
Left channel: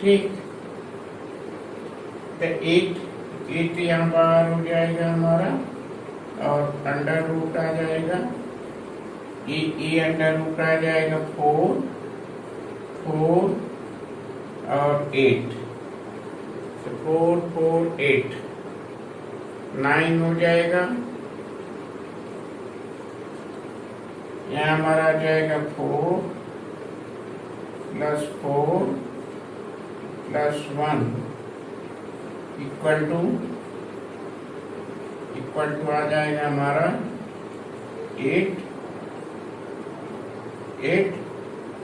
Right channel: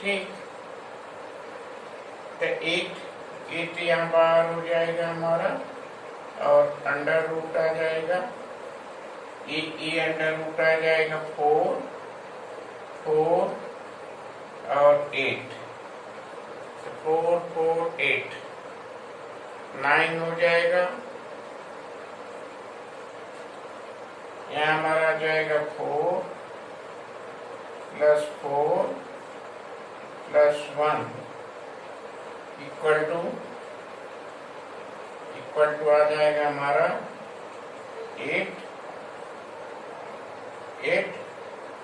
ठीक, तो 8 यहाँ बाहर हो जाएगा हमारा, और अंडर रूट आ जाएगा, ये अंडर रूट आ जाएगा 4 और 8, तो 4 4 8 9 हो जाएगा। यहाँ हमारा आ जाएगा 4 प्लस 4 प्लस 1 इक्वल टू आ जाएगा हमारा 8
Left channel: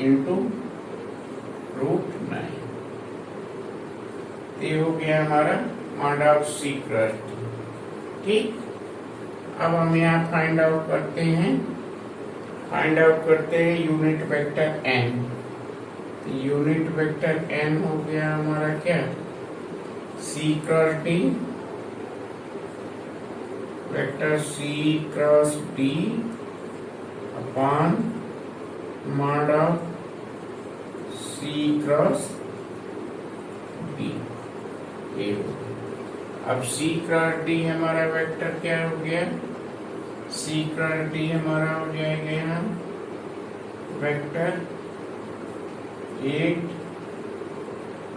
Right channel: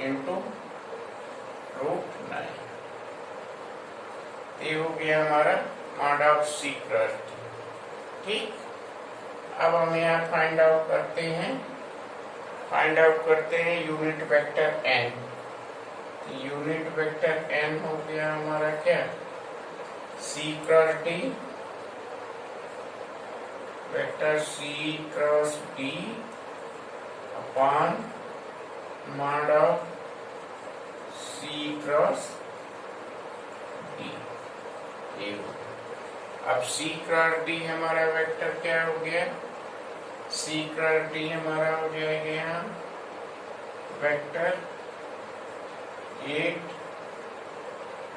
इंटू रूट 9। ये हो गया हमारा mod of c cross d। ठीक, अब हम यहाँ फाइंड आउट करते हैं unit vector n। Unit vector n हो गया हमारा क्या, c cross d, vector c cross d upon mod of c cross d। ये हो गया। अब c क्रॉस d हमारा वेक्टर क्या हो गया, c क्रॉस d हमारा हो जाएगा यहाँ vector 8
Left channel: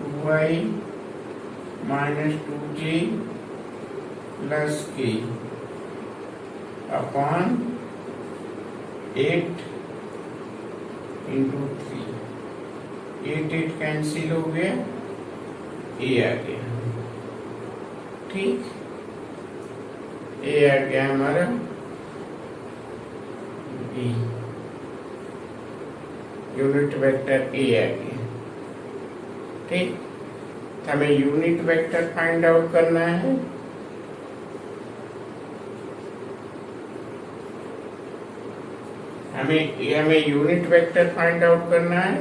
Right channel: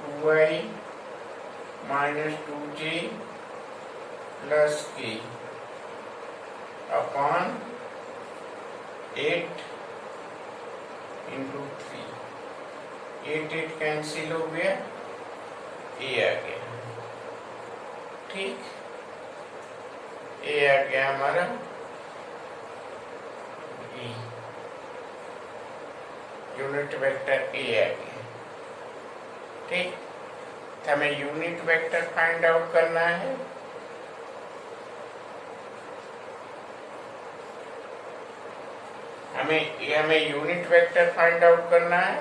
2i minus 2j plus k upon 8 into 3. 8 cancel हो गया, ए आ गया। ठीक, ए आ गया हमारा बी, यूनिट वेक्टर ए आ गया। ठीक, हमें यूनिट वेक्टर फाइंड आउट करना है। हमें यूनिट वेक्टर फाइंड आउट करना है,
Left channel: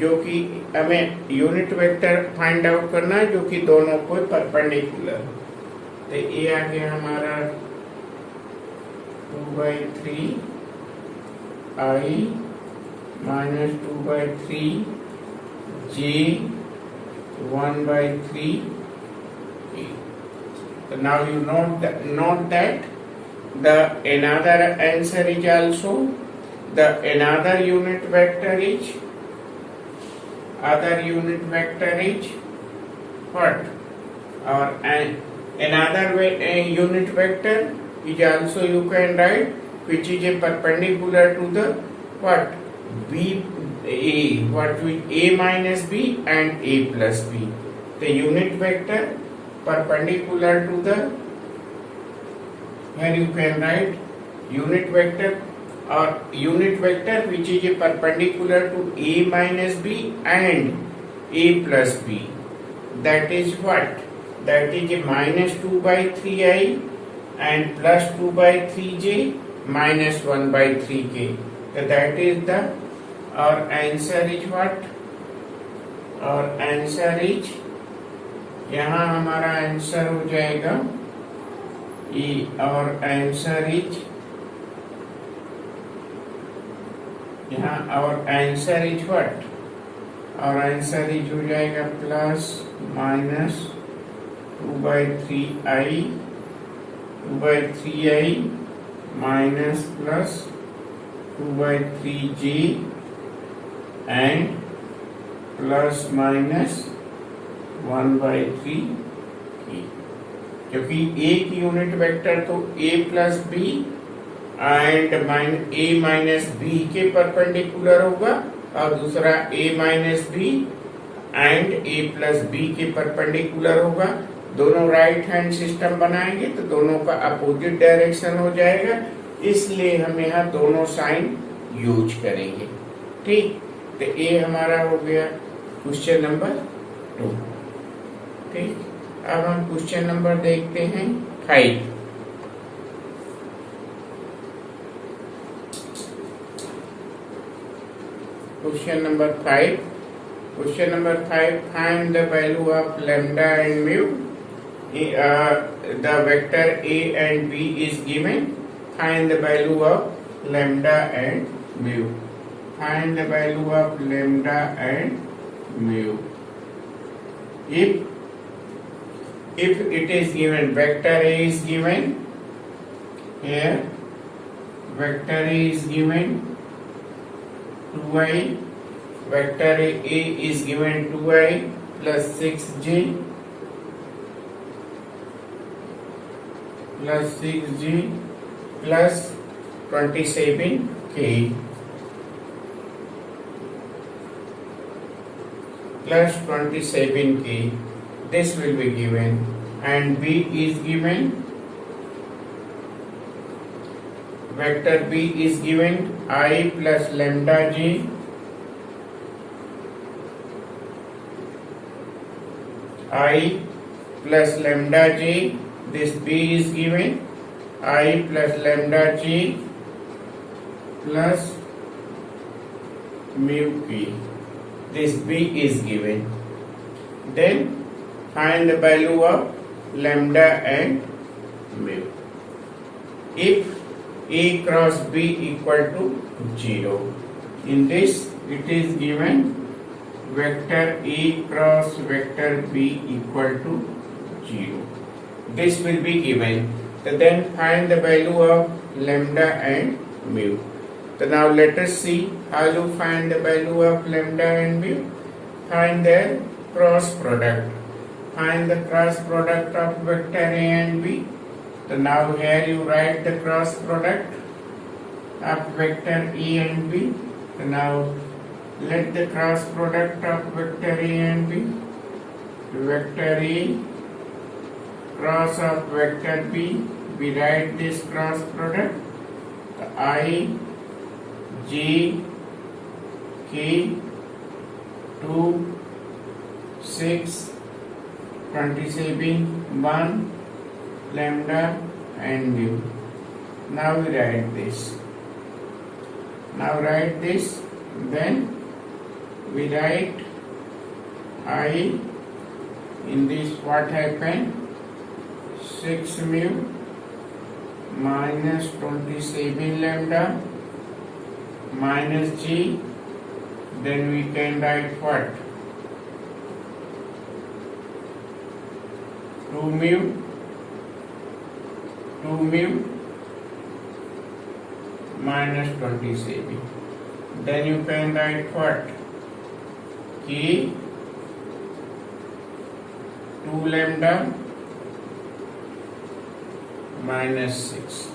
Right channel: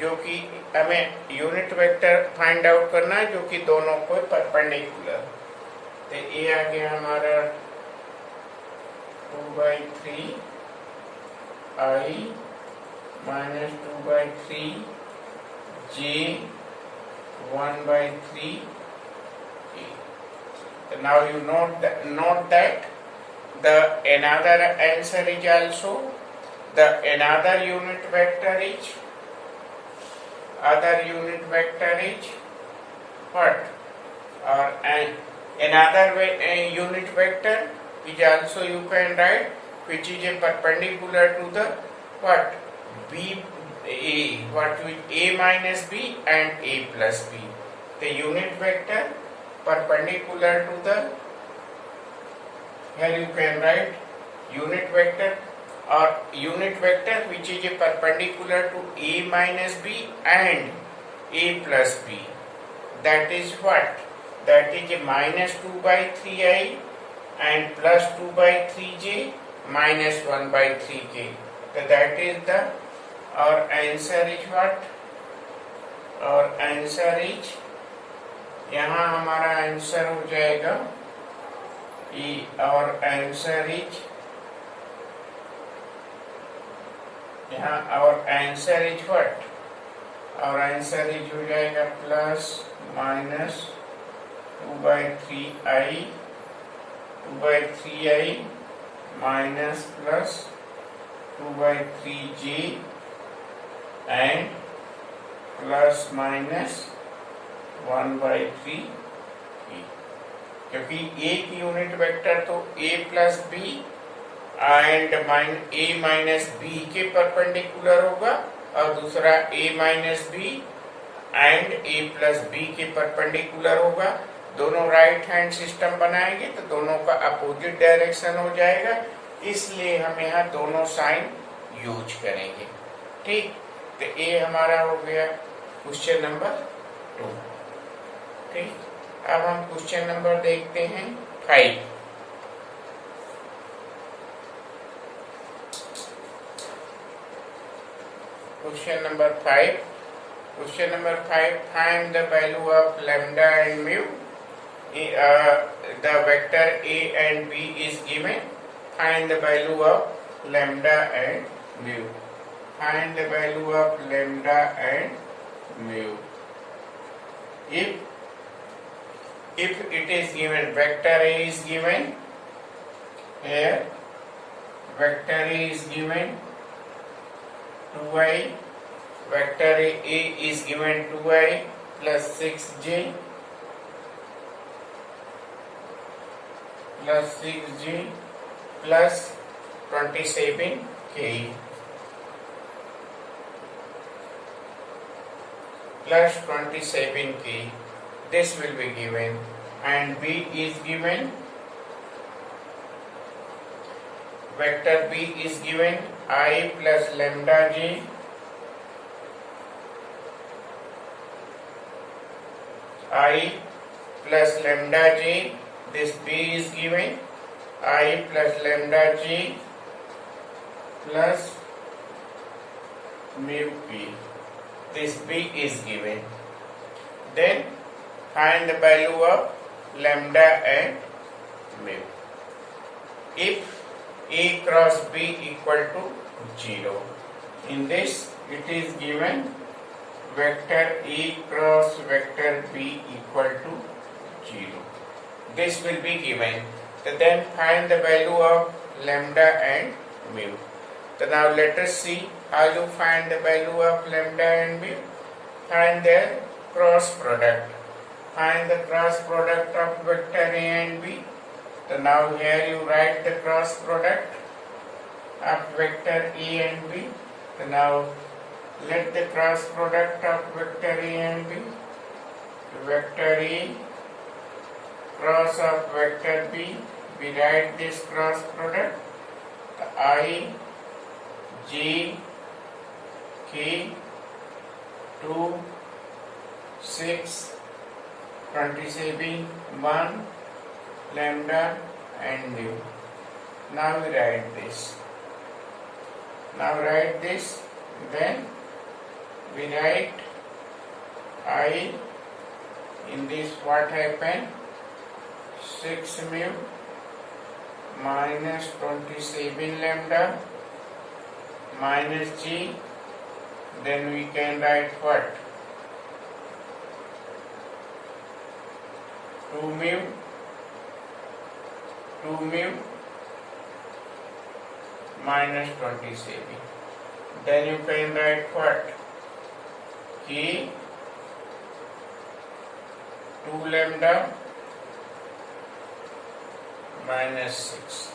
जो कि हमें यूनिट वेक्टर फाइंड आउट करना है जो कि दोनों को परपेंडिकुलर। तो ये आ गया हमारा 2/3 i minus 2/3 j 1/3 k. So now you note that the another answer is also the another unit vector is what, or another unit vector is also you can write which is a perpendicular to the what, b a, what with a minus b and a plus b. The unit vector perpendicular to the, here you can write unit vector or unit vector which is a perpendicular to a minus b and a plus b. That is what? That is a minus 2/3i and plus 2/3j minus 1/3k. So that is the, our answer is what? Our answer is, यहाँ हमारा answer हो जाएगा E, और answer is, यहाँ और answer is what, और answer is हो जाएगा plus minus 2/3i minus plus 2/3j and plus minus 1/3 k, क्योंकि एक यूनिट वेक्टर तो a plus B and a minus B के परपेंडिकुलर होगा और दूसरा a minus B and a plus B के परपेंडिकुलर होगा। दोनों राइट हैंड सिस्टम बनाएंगे तो दोनों का अपोजिट डायरेक्शन हो जाएगा, इसलिए हम यहाँ दोनों साइन यूज करेंगे। ठीक, तो ये हमारा हो गया क्वेश्चन नंबर 2। ठीक, अब हम क्वेश्चन नंबर देखते हैं 5। Question number 5. Question number 5. Find the value of lambda and mu. The vector a and b is given. Find the value of lambda and mu. Find the value of lambda and mu. If it is given, vector a is given. Here, vector a is given 2i, vector a is given 2i plus 6j plus 27k plus 27k. This will be given, and b is given, vector b is given I plus lambda j plus lambda j. This b is given I plus lambda j plus mu p. This b is given. Then find the value of lambda and mu. If a cross b equal to 0, in this it is given vector a cross vector b equal to 0. This will be given. So then find the value of lambda and mu. So now let us see how to find the value of lambda and mu. Find their cross product. Find the cross product of vector A and B. So now here you write the cross product of vector A and B. So now let the cross product of vector A and B. Vector A cross of vector B. We write this cross product. I, J, K, 2, 6, 27, 1, lambda and mu. Now we write this. Then we write I in this what happened 6 mu minus 27 lambda minus G, then we can write what 2 mu minus 27, then you can write what K 2 lambda minus 6,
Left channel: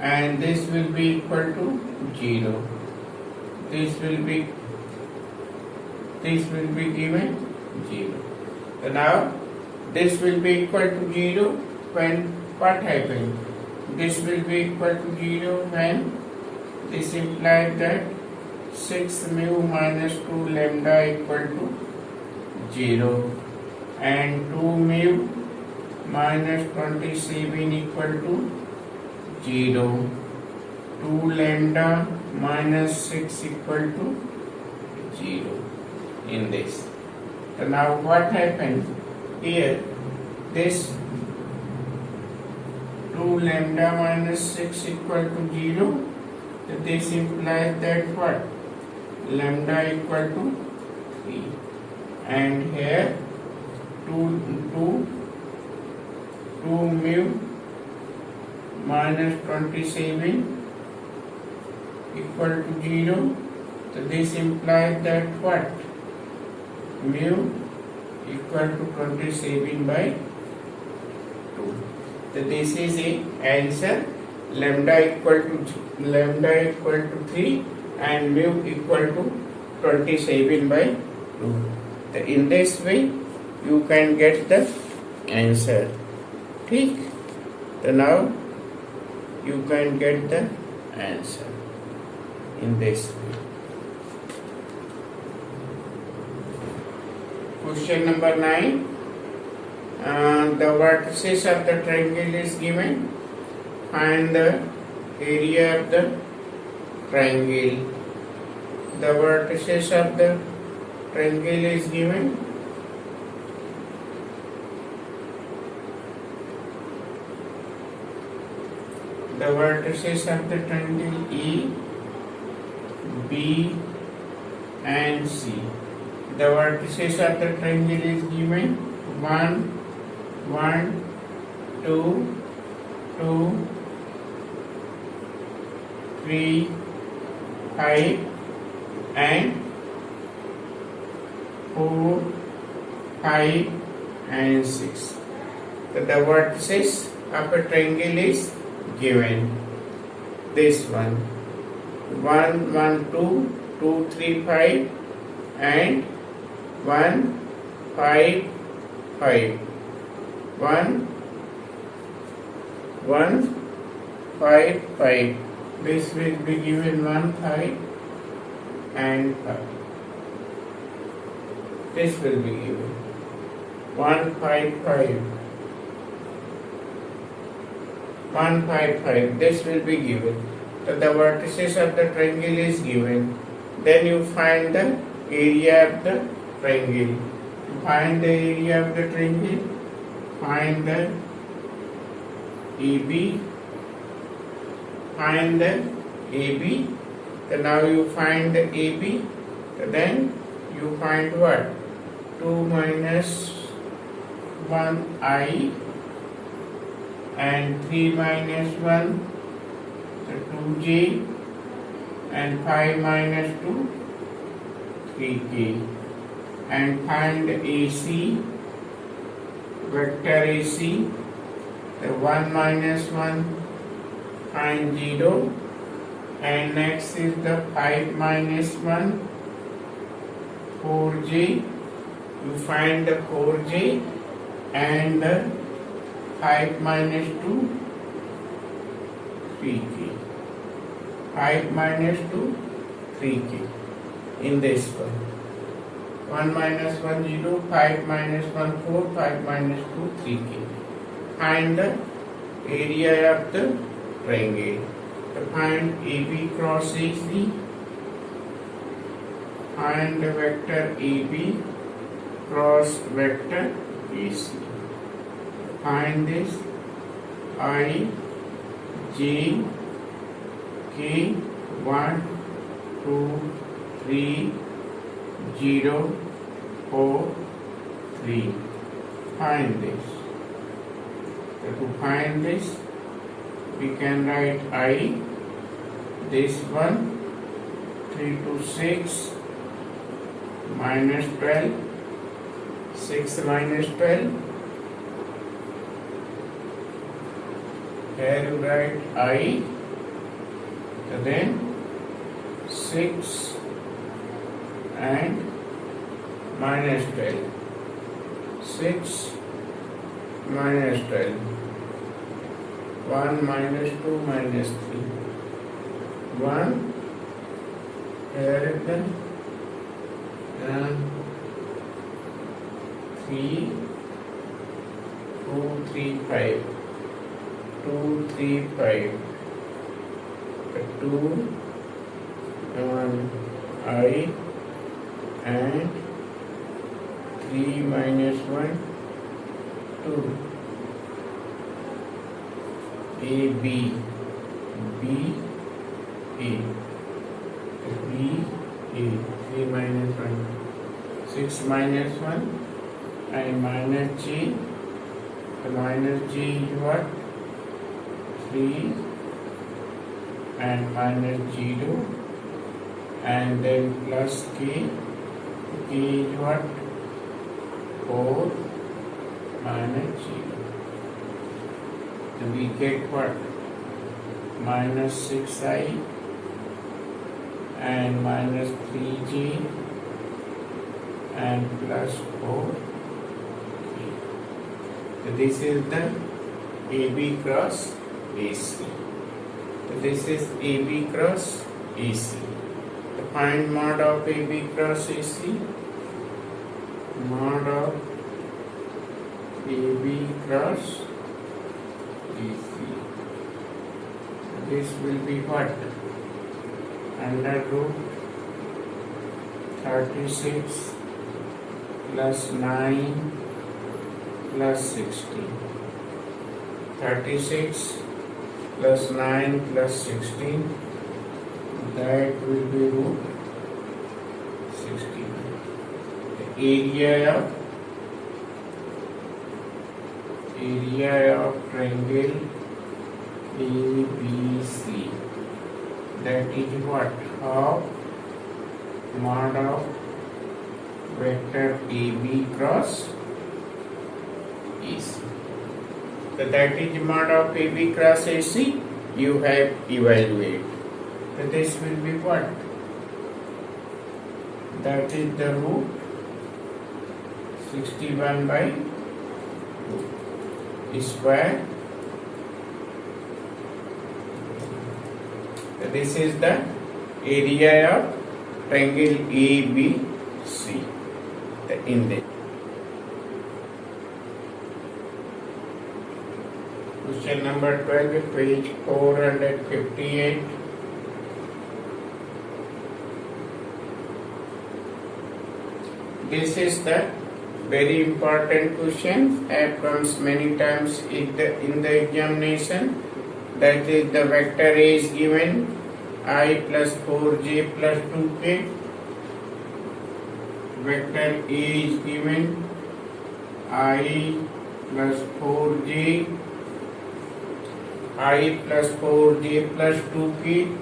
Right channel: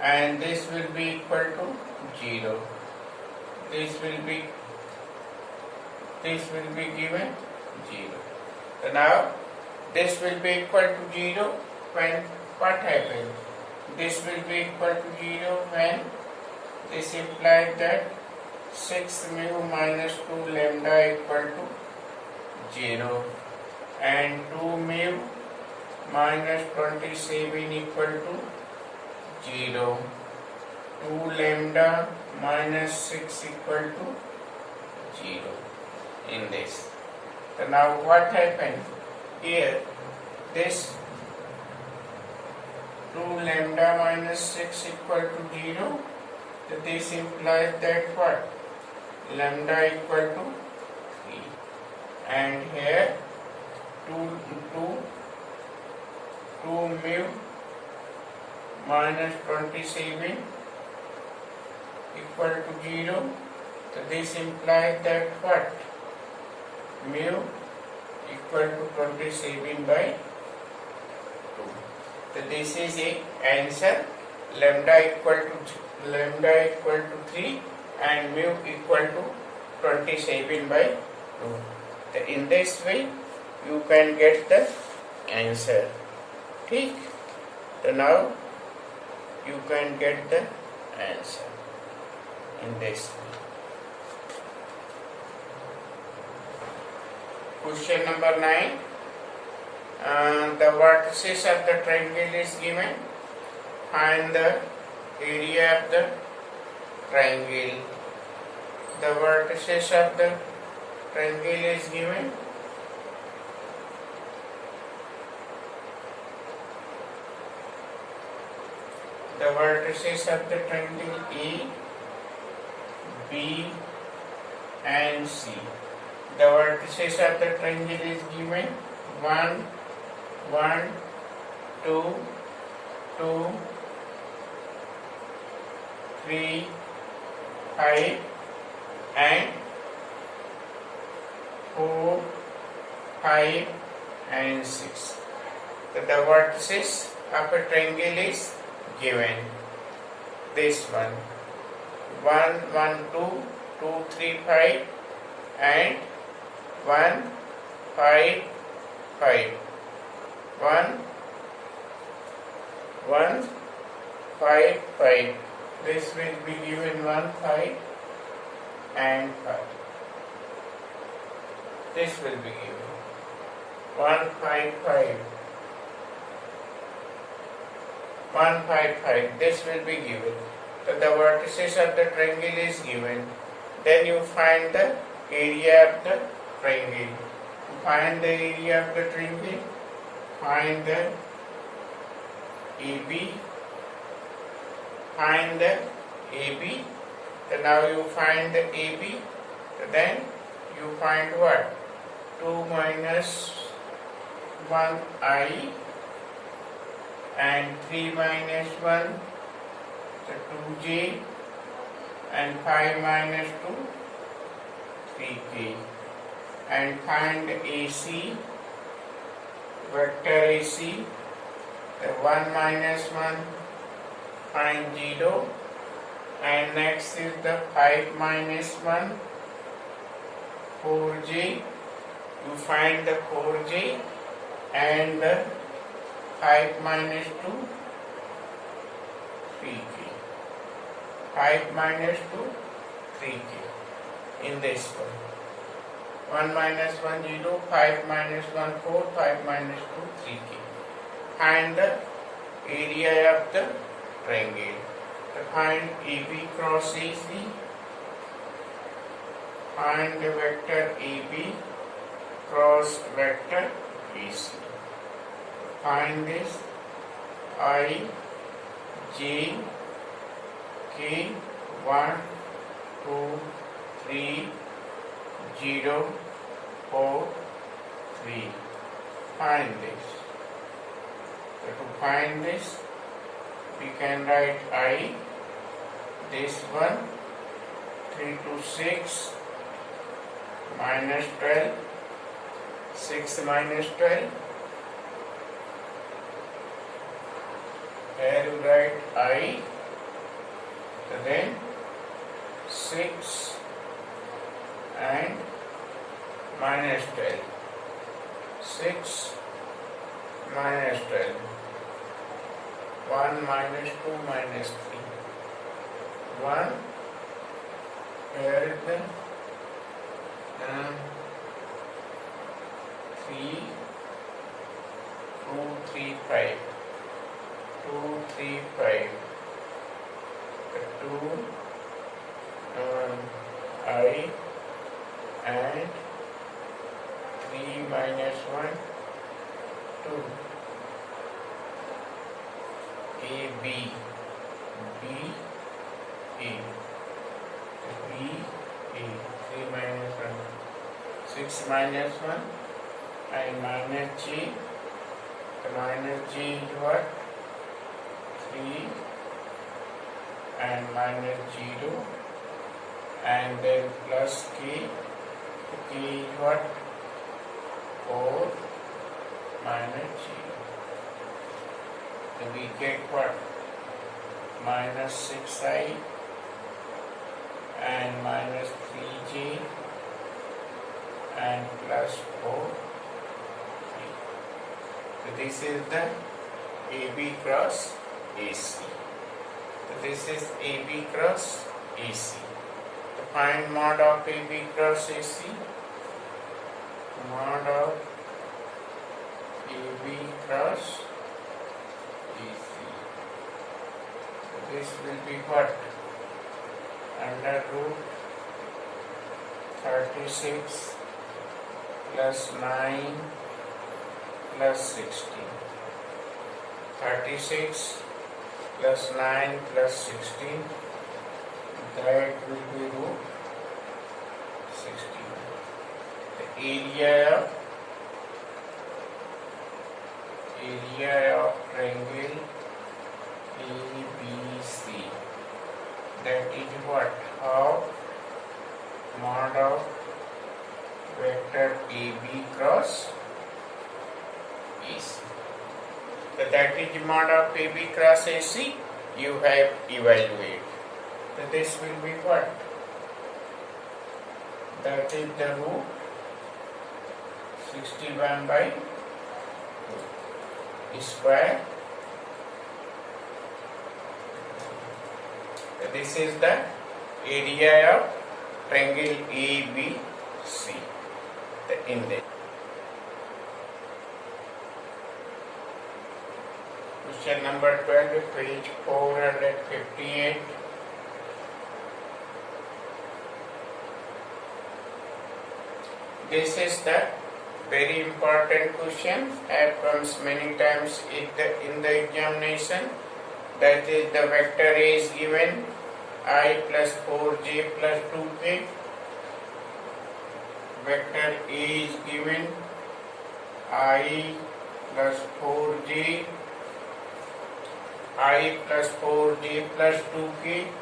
and this will be equal to 0. This will be given 0. So now this will be equal to 0 when what happens? This will be equal to 0 when this implies that 6 mu minus 2 lambda equal to 0 and 2 mu minus 27 equal to 0. 2 lambda minus 6 equal to 0 in this. So now what happened here? This 2 lambda minus 6 equal to 0. So this implies that what? Lambda equal to 3. And here 2 mu minus 27 equal to 0. So this implies that what? Mu equal to 27 by 2. So this is a answer. Lambda equal to 3 and mu equal to 27 by 2. So in this way you can get the answer. Okay? So now you can get the answer in this way. Question number 9. The vertices of the triangle is given. Find the area of the triangle. The vertices of the triangle is given. The vertices of the triangle E, B and C. The vertices of the triangle is given 1, 1, 2, 2, 3, 5 and 4, 5 and 6. So the vertices of a triangle is given. This one 1, 1, 2, 2, 3, 5 and 1, 5, 5. 1, 1, 5, 5. This will be given 1, 5 and 5. This will be given 1, 5, 5. 1, 5, 5. This will be given. So the vertices of the triangle is given. Then you find the area of the triangle. Find the area of the triangle. Find the AB. Find the AB. So now you find the AB. So then you find what? 2 minus 1I and 3 minus 1 2j and 5 minus 2 3k. and find AC, vector AC. The 1 minus 1, find 0, and next is the 5 minus 1, 4j. You find the 4j and the 5 minus 2, 3k. 5 minus 2, 3k. In this one. 1 minus 1, 0, 5 minus 1, 4, 5 minus 2, 3k. Find the area of the triangle. To find AB cross AC, find the vector AB cross vector AC. Find this I, J, K, 1, 2, 3, 0, 4, 3. Find this. So to find this, we can write I, this one, 3 to 6, minus 12, 6 minus 12. Here you write I, then 6 and minus 12. 6 minus 12. 1 minus 2 minus 3. 1. Here is the 3, 2, 3, 5. 2, 3, 5. 2, I and 3 minus 1, 2. A, B, B, A. B, A. 3 minus 1. 6 minus 1 and minus G. The minus G is what? 3 and minus 0 and then plus K. K is what? 4 minus 0. And we get what? Minus 6i and minus 3j and plus 4. So this is the AB cross AC. So this is AB cross AC. To find mod of AB cross AC, mod of AB cross AC. So this will be what? Under root 36 plus 9 plus 16. 36 plus 9 plus 16, that will be root 16. The area of triangle ABC, that is what? Half mod of vector AB cross AC. So that is mod of AB cross AC. You have evaluate. So this will be what? That is the root 61 by 2 square. So this is the area of triangle ABC. In this. Question number 12, page 458. This is the very important question. Comes many times in the examination. That is, the vector A is given I plus 4j plus 2k. Vector A is given I plus 4j, I plus 4j plus 2k.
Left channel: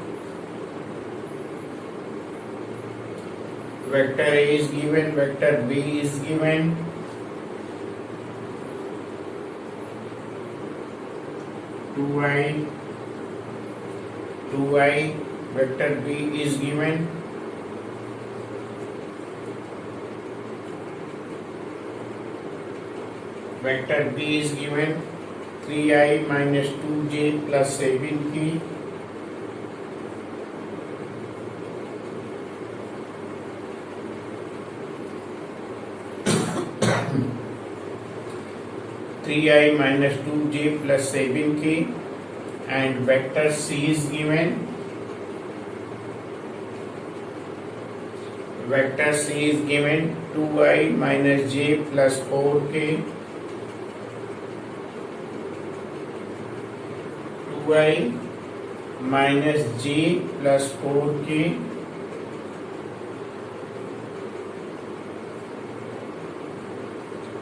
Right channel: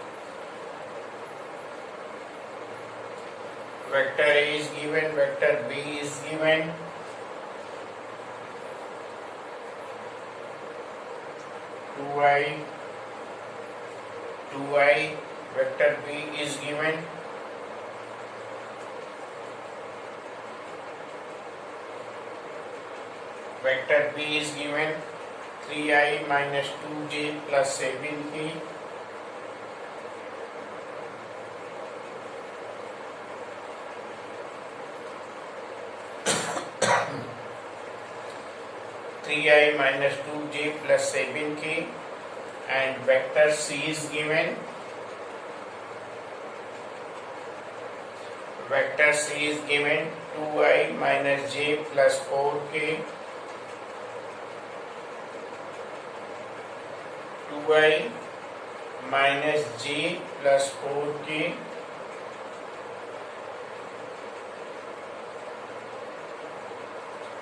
vector A is given, vector B is given, two I, vector B is given, vector B is given 3I minus 2J plus 7K, three I minus 2J plus 7K, and vector C is given, vector C is given 2I minus J plus 4K, 2I minus J plus 4K,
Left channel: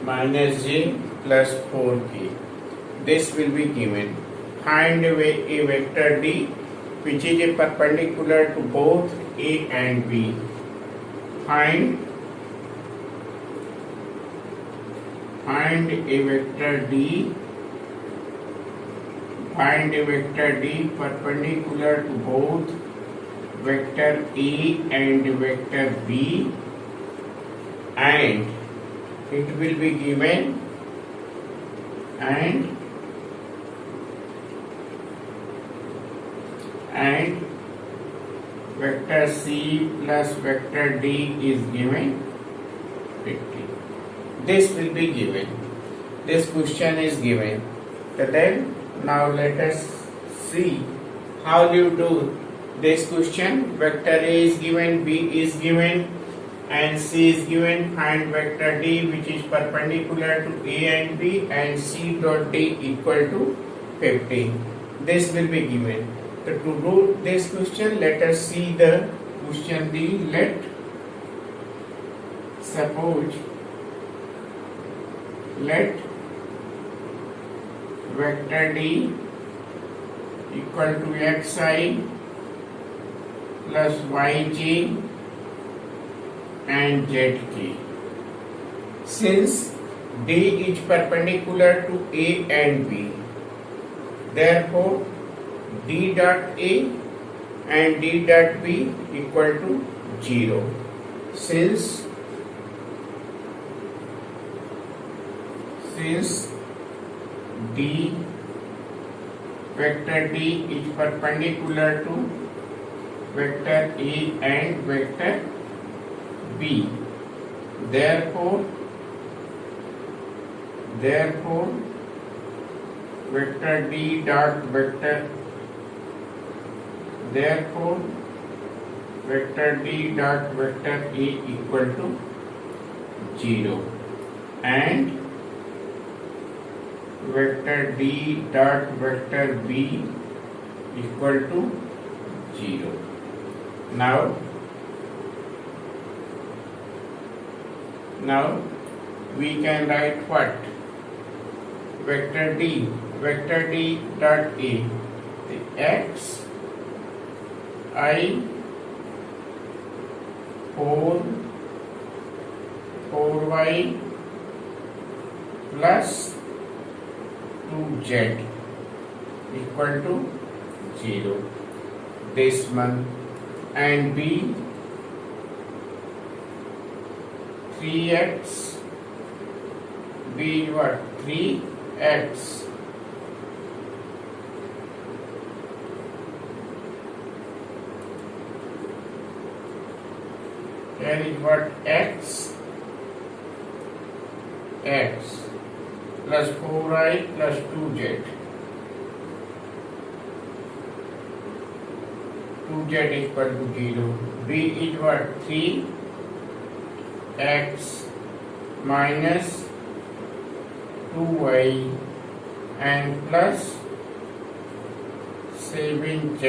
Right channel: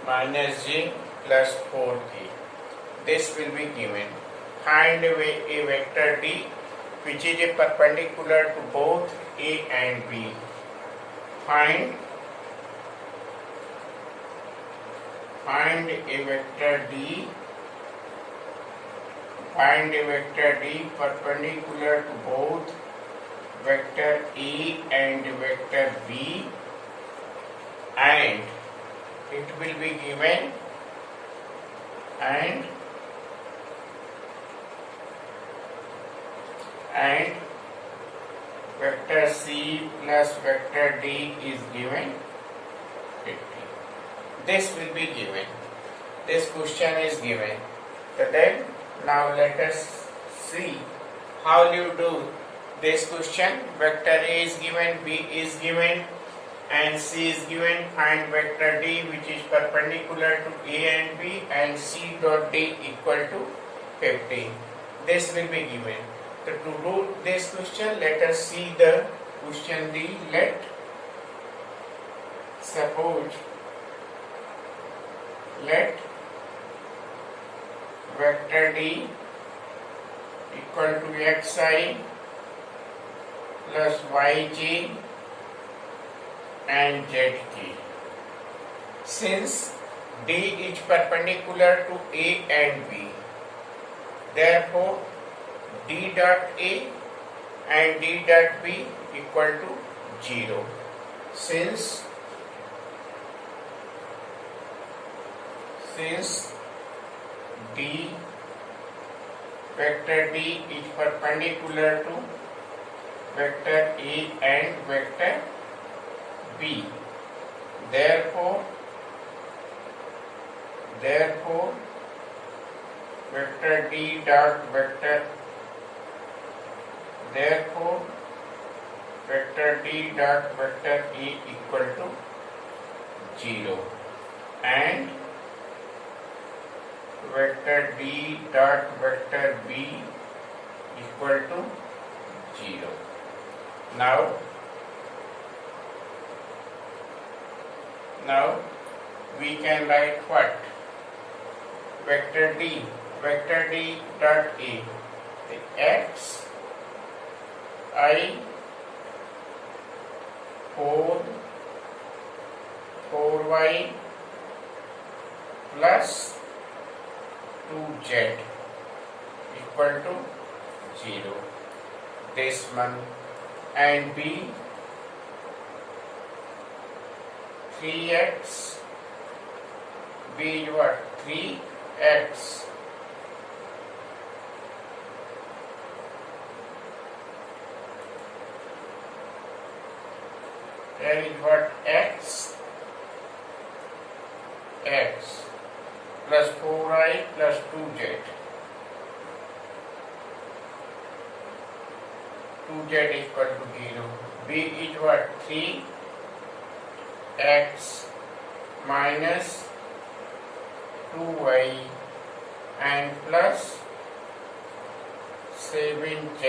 minus J plus 4K. This will be given. Find a vector D which is a perpendicular to both A and B. Find a vector D. Find a vector D perpendicular to both vector A and vector B, and it will be given and vector C plus vector D is given 50. This will be given. This question is given. So then now let us see how you do this question. Vector A is given, B is given, and C is given. Find vector D which is perpendicular to A and B, and C dot D equal to 50. This will be given. So to do this question, let us see the question D. Let vector D equal to xi plus yj and zk. Since D is perpendicular to A and B, therefore D dot A and D dot B equal to 0. Since vector D is perpendicular to vector A and vector B, therefore vector D dot vector A equal to 0, and vector D dot vector B equal to 0. Now we can write what? Vector D dot A, the x I 4y plus 2z equal to 0. This one, and B 3x, B what? 3x that is what? X plus 4i plus 2z. 2z equal to 0. B is what? 3x minus 2y and plus 7z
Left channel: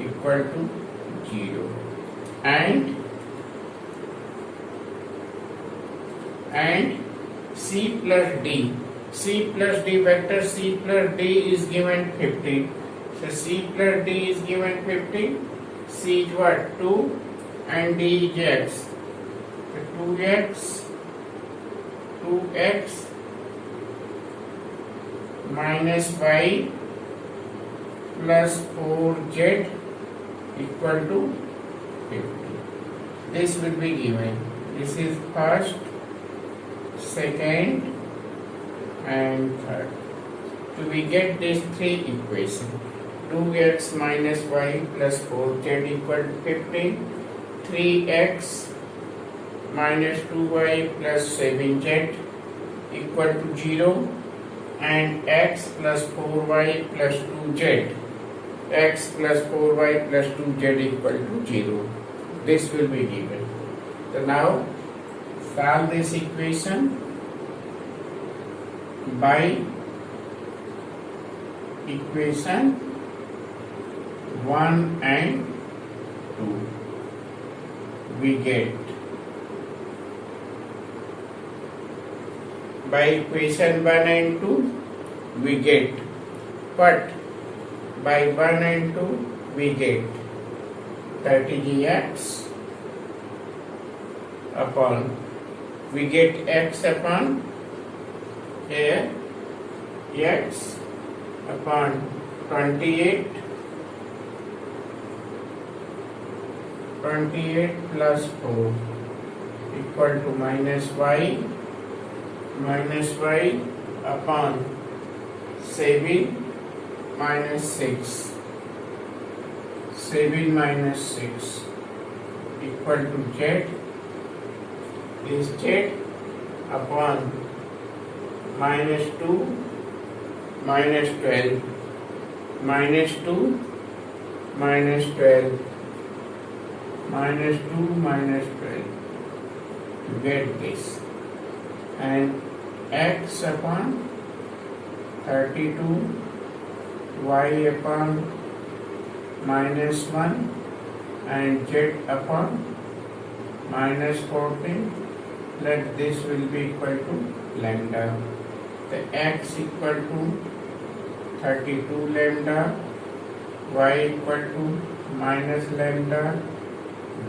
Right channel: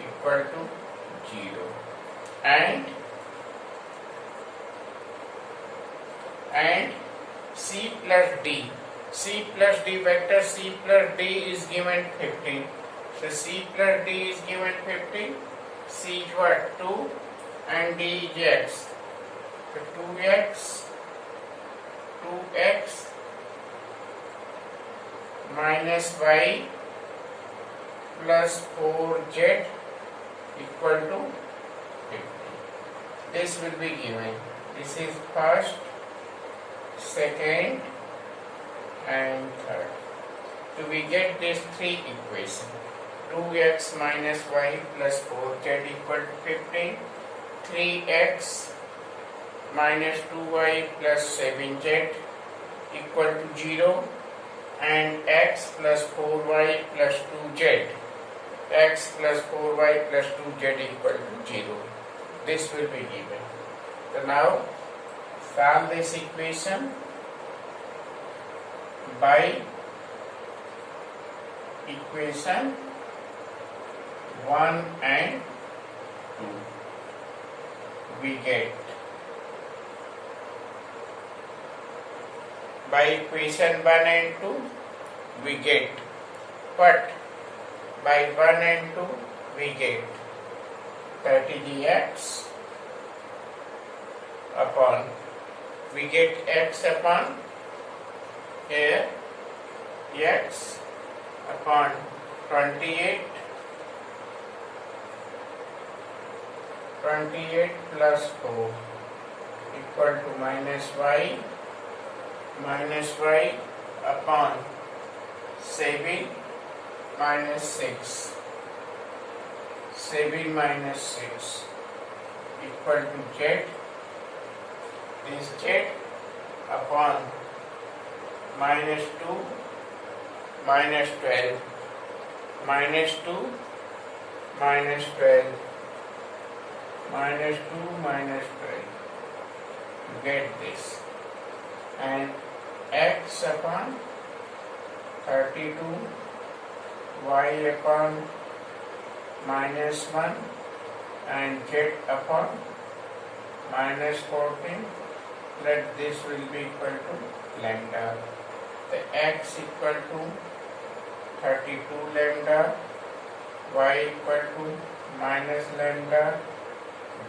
equal to 0. And C plus D. Vector C plus D is given 50. So C plus D is given 50. C is what? 2 and d is x. So 2x minus y plus 4z equal to 50. This will be given. This is first, second and third. So we get these three equations. 2x minus y plus 4z equal to 15. 3x minus 2y plus 7z equal to 0. And x plus 4y plus 2z. X plus 4y plus 2z equal to 0. This will be given. So now solve this equation by equation 1 and 2. We get by equation 1 and 2 we get what? By 1 and 2 we get 30x upon, we get x upon here, x upon 28 plus 4 equal to minus y upon 7 minus 6 equal to z is z upon minus 2 minus 12 minus 2 minus 12 minus 2 minus 12 to get this, and x upon 32 y upon minus 1 and z upon minus 14. Let this will be equal to lambda. The x equal to 32 lambda, y equal to minus lambda,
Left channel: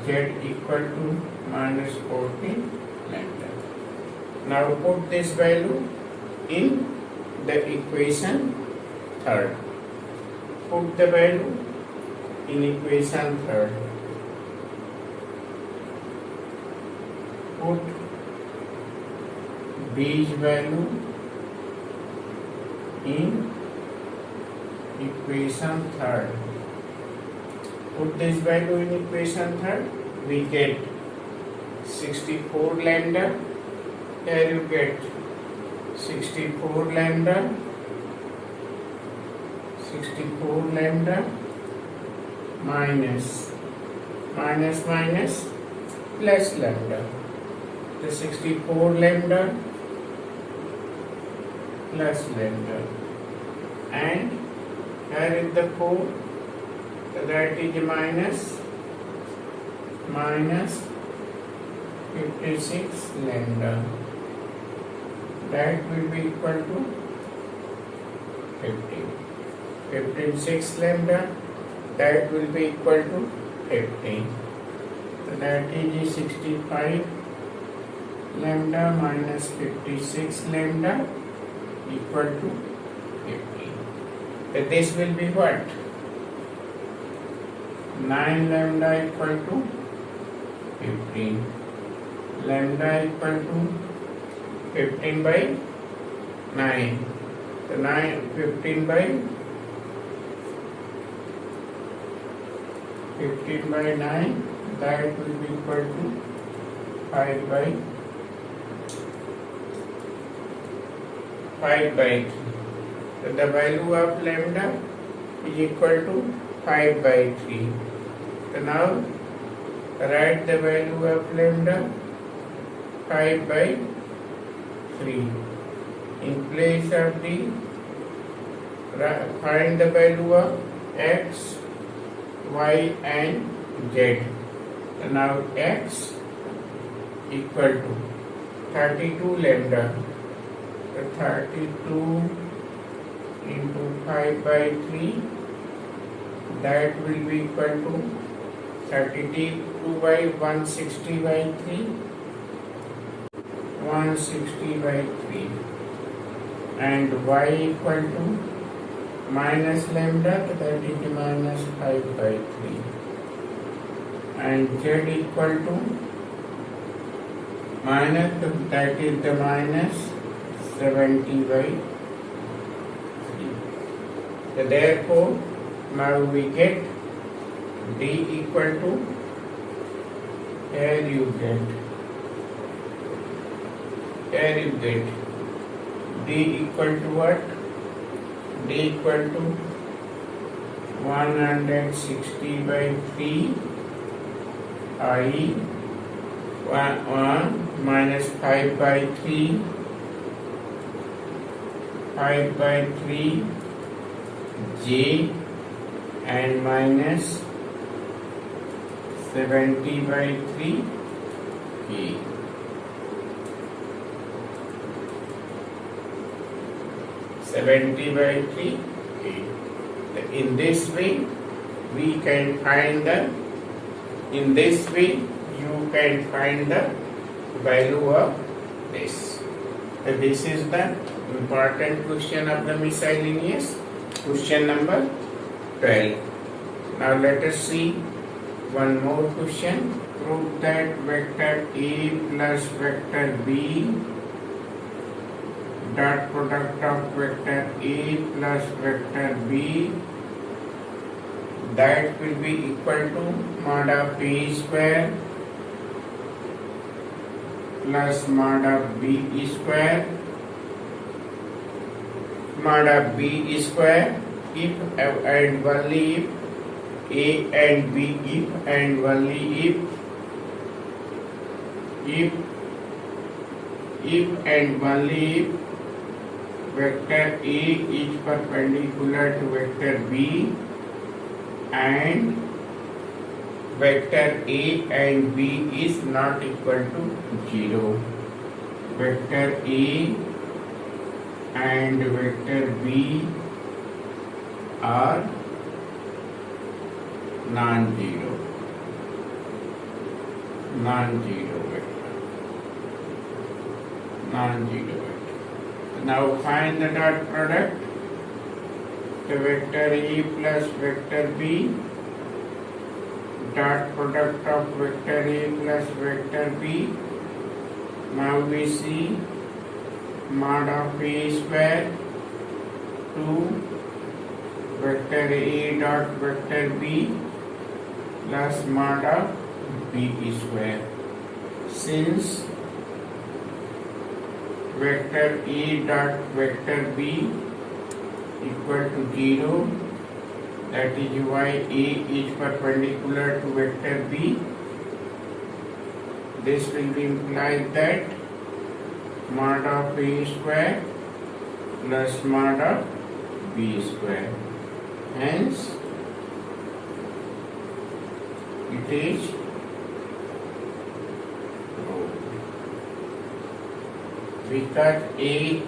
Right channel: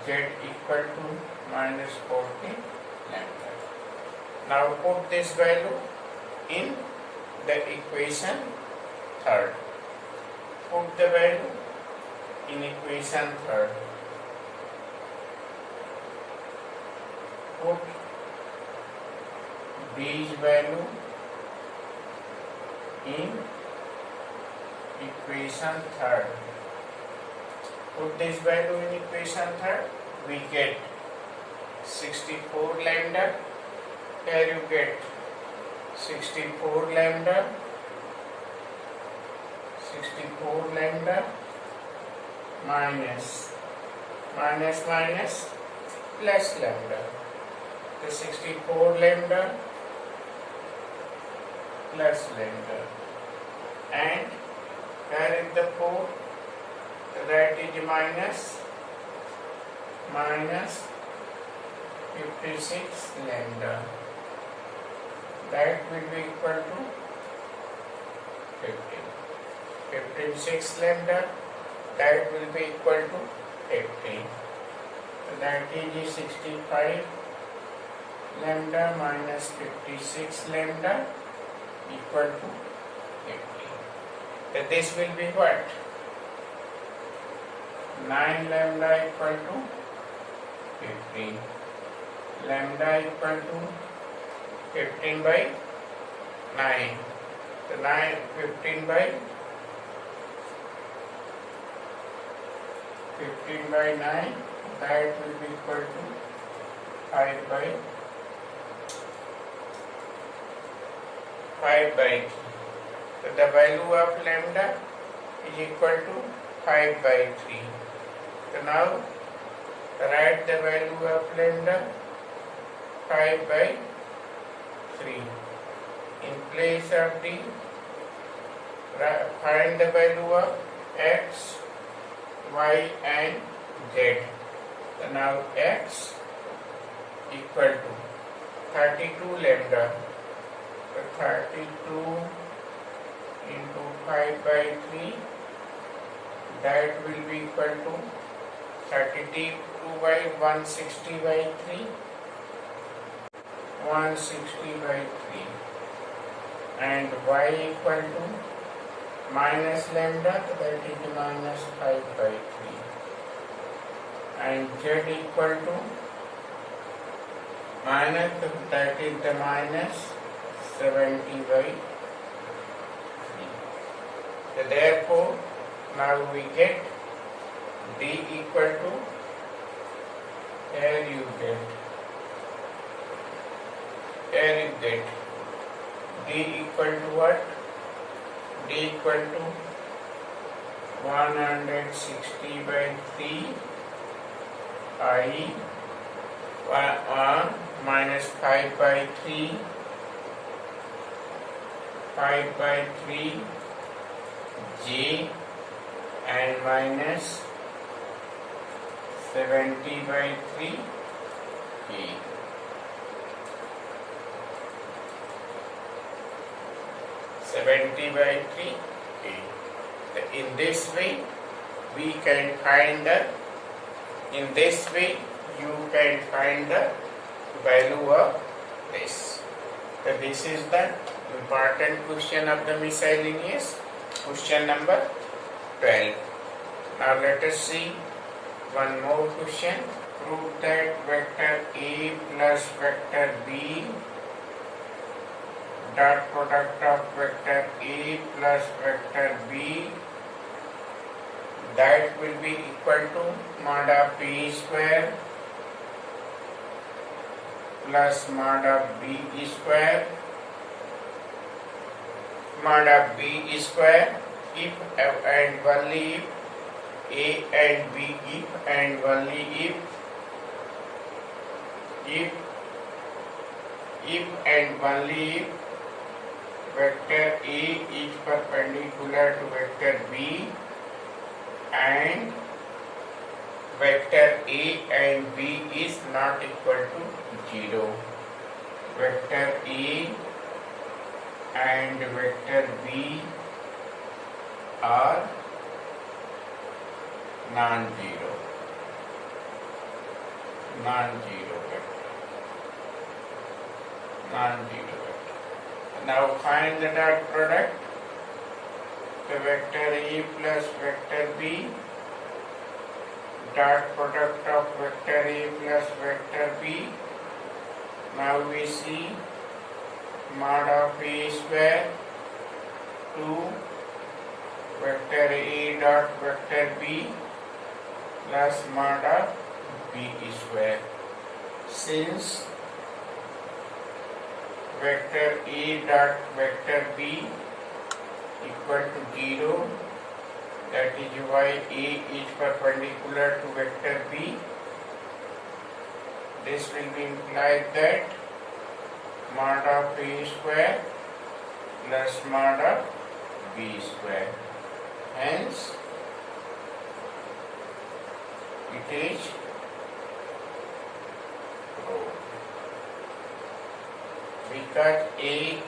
z equal to minus 14 lambda. Now put this value in the equation third. Put the value in equation third. Put these value in equation third. Put this value in equation third. We get 64 lambda. Here you get 64 lambda minus plus lambda. The 64 lambda plus lambda, and here is the 4, that is minus 56 lambda. That will be equal to 56 lambda, that will be equal to 15. So that is 65 lambda minus 56 lambda equal to 50. So this will be what? 9 lambda equal to 15. Lambda equal to 15 by 9. So 15 by 9, that will be equal to 5 by 3. So the value of lambda is equal to 5 by 3. So now write the value of lambda 5 by 3. In place of the, find the value of x, y and z. So now x equal to 32 lambda. So 32 into 5 by 3, that will be equal to 32 by 160 by 3, 160 by 3, and y equal to minus lambda, so that is the minus 5 by 3, and z equal to minus, so that is the minus 70 by 3. So therefore, now we get d equal to, here you get d equal to what? D equal to 160 by 3 i 1 minus 5 by 3 j and minus 70 by 3 k. In this way we can find the, in this way you can find the value of this. So this is the important question of the miscellaneous, question number 12. Now let us see one more question. Prove that vector A plus vector B dot product of vector A plus vector B, that will be equal to mod of A square plus mod of B square, mod of B square, if and only if A and B, if and only if and only if vector A is perpendicular to vector B and vector A and B is not equal to 0. Vector A and vector B are non-zero vector. Now find the dot product. The vector A plus vector B, dot product of vector A plus vector B. Now we see mod of A square to vector A dot vector B plus mod of B square. Since vector A dot vector B equal to 0, that is why A is perpendicular to vector B, this will be implied that mod of A square plus mod of B square. Hence, it is because A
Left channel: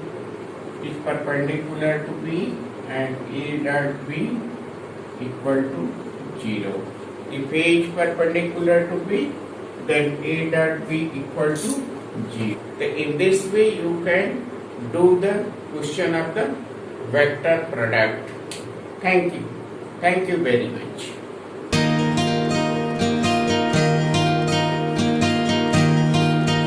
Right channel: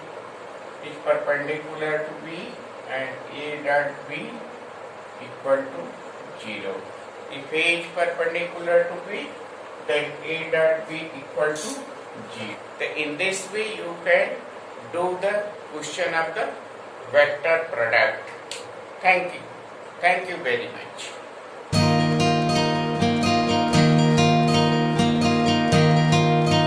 is perpendicular to B and A dot B equal to 0. If A is perpendicular to B, then A dot B equal to 0. In this way you can do the question of the vector product. Thank you very much.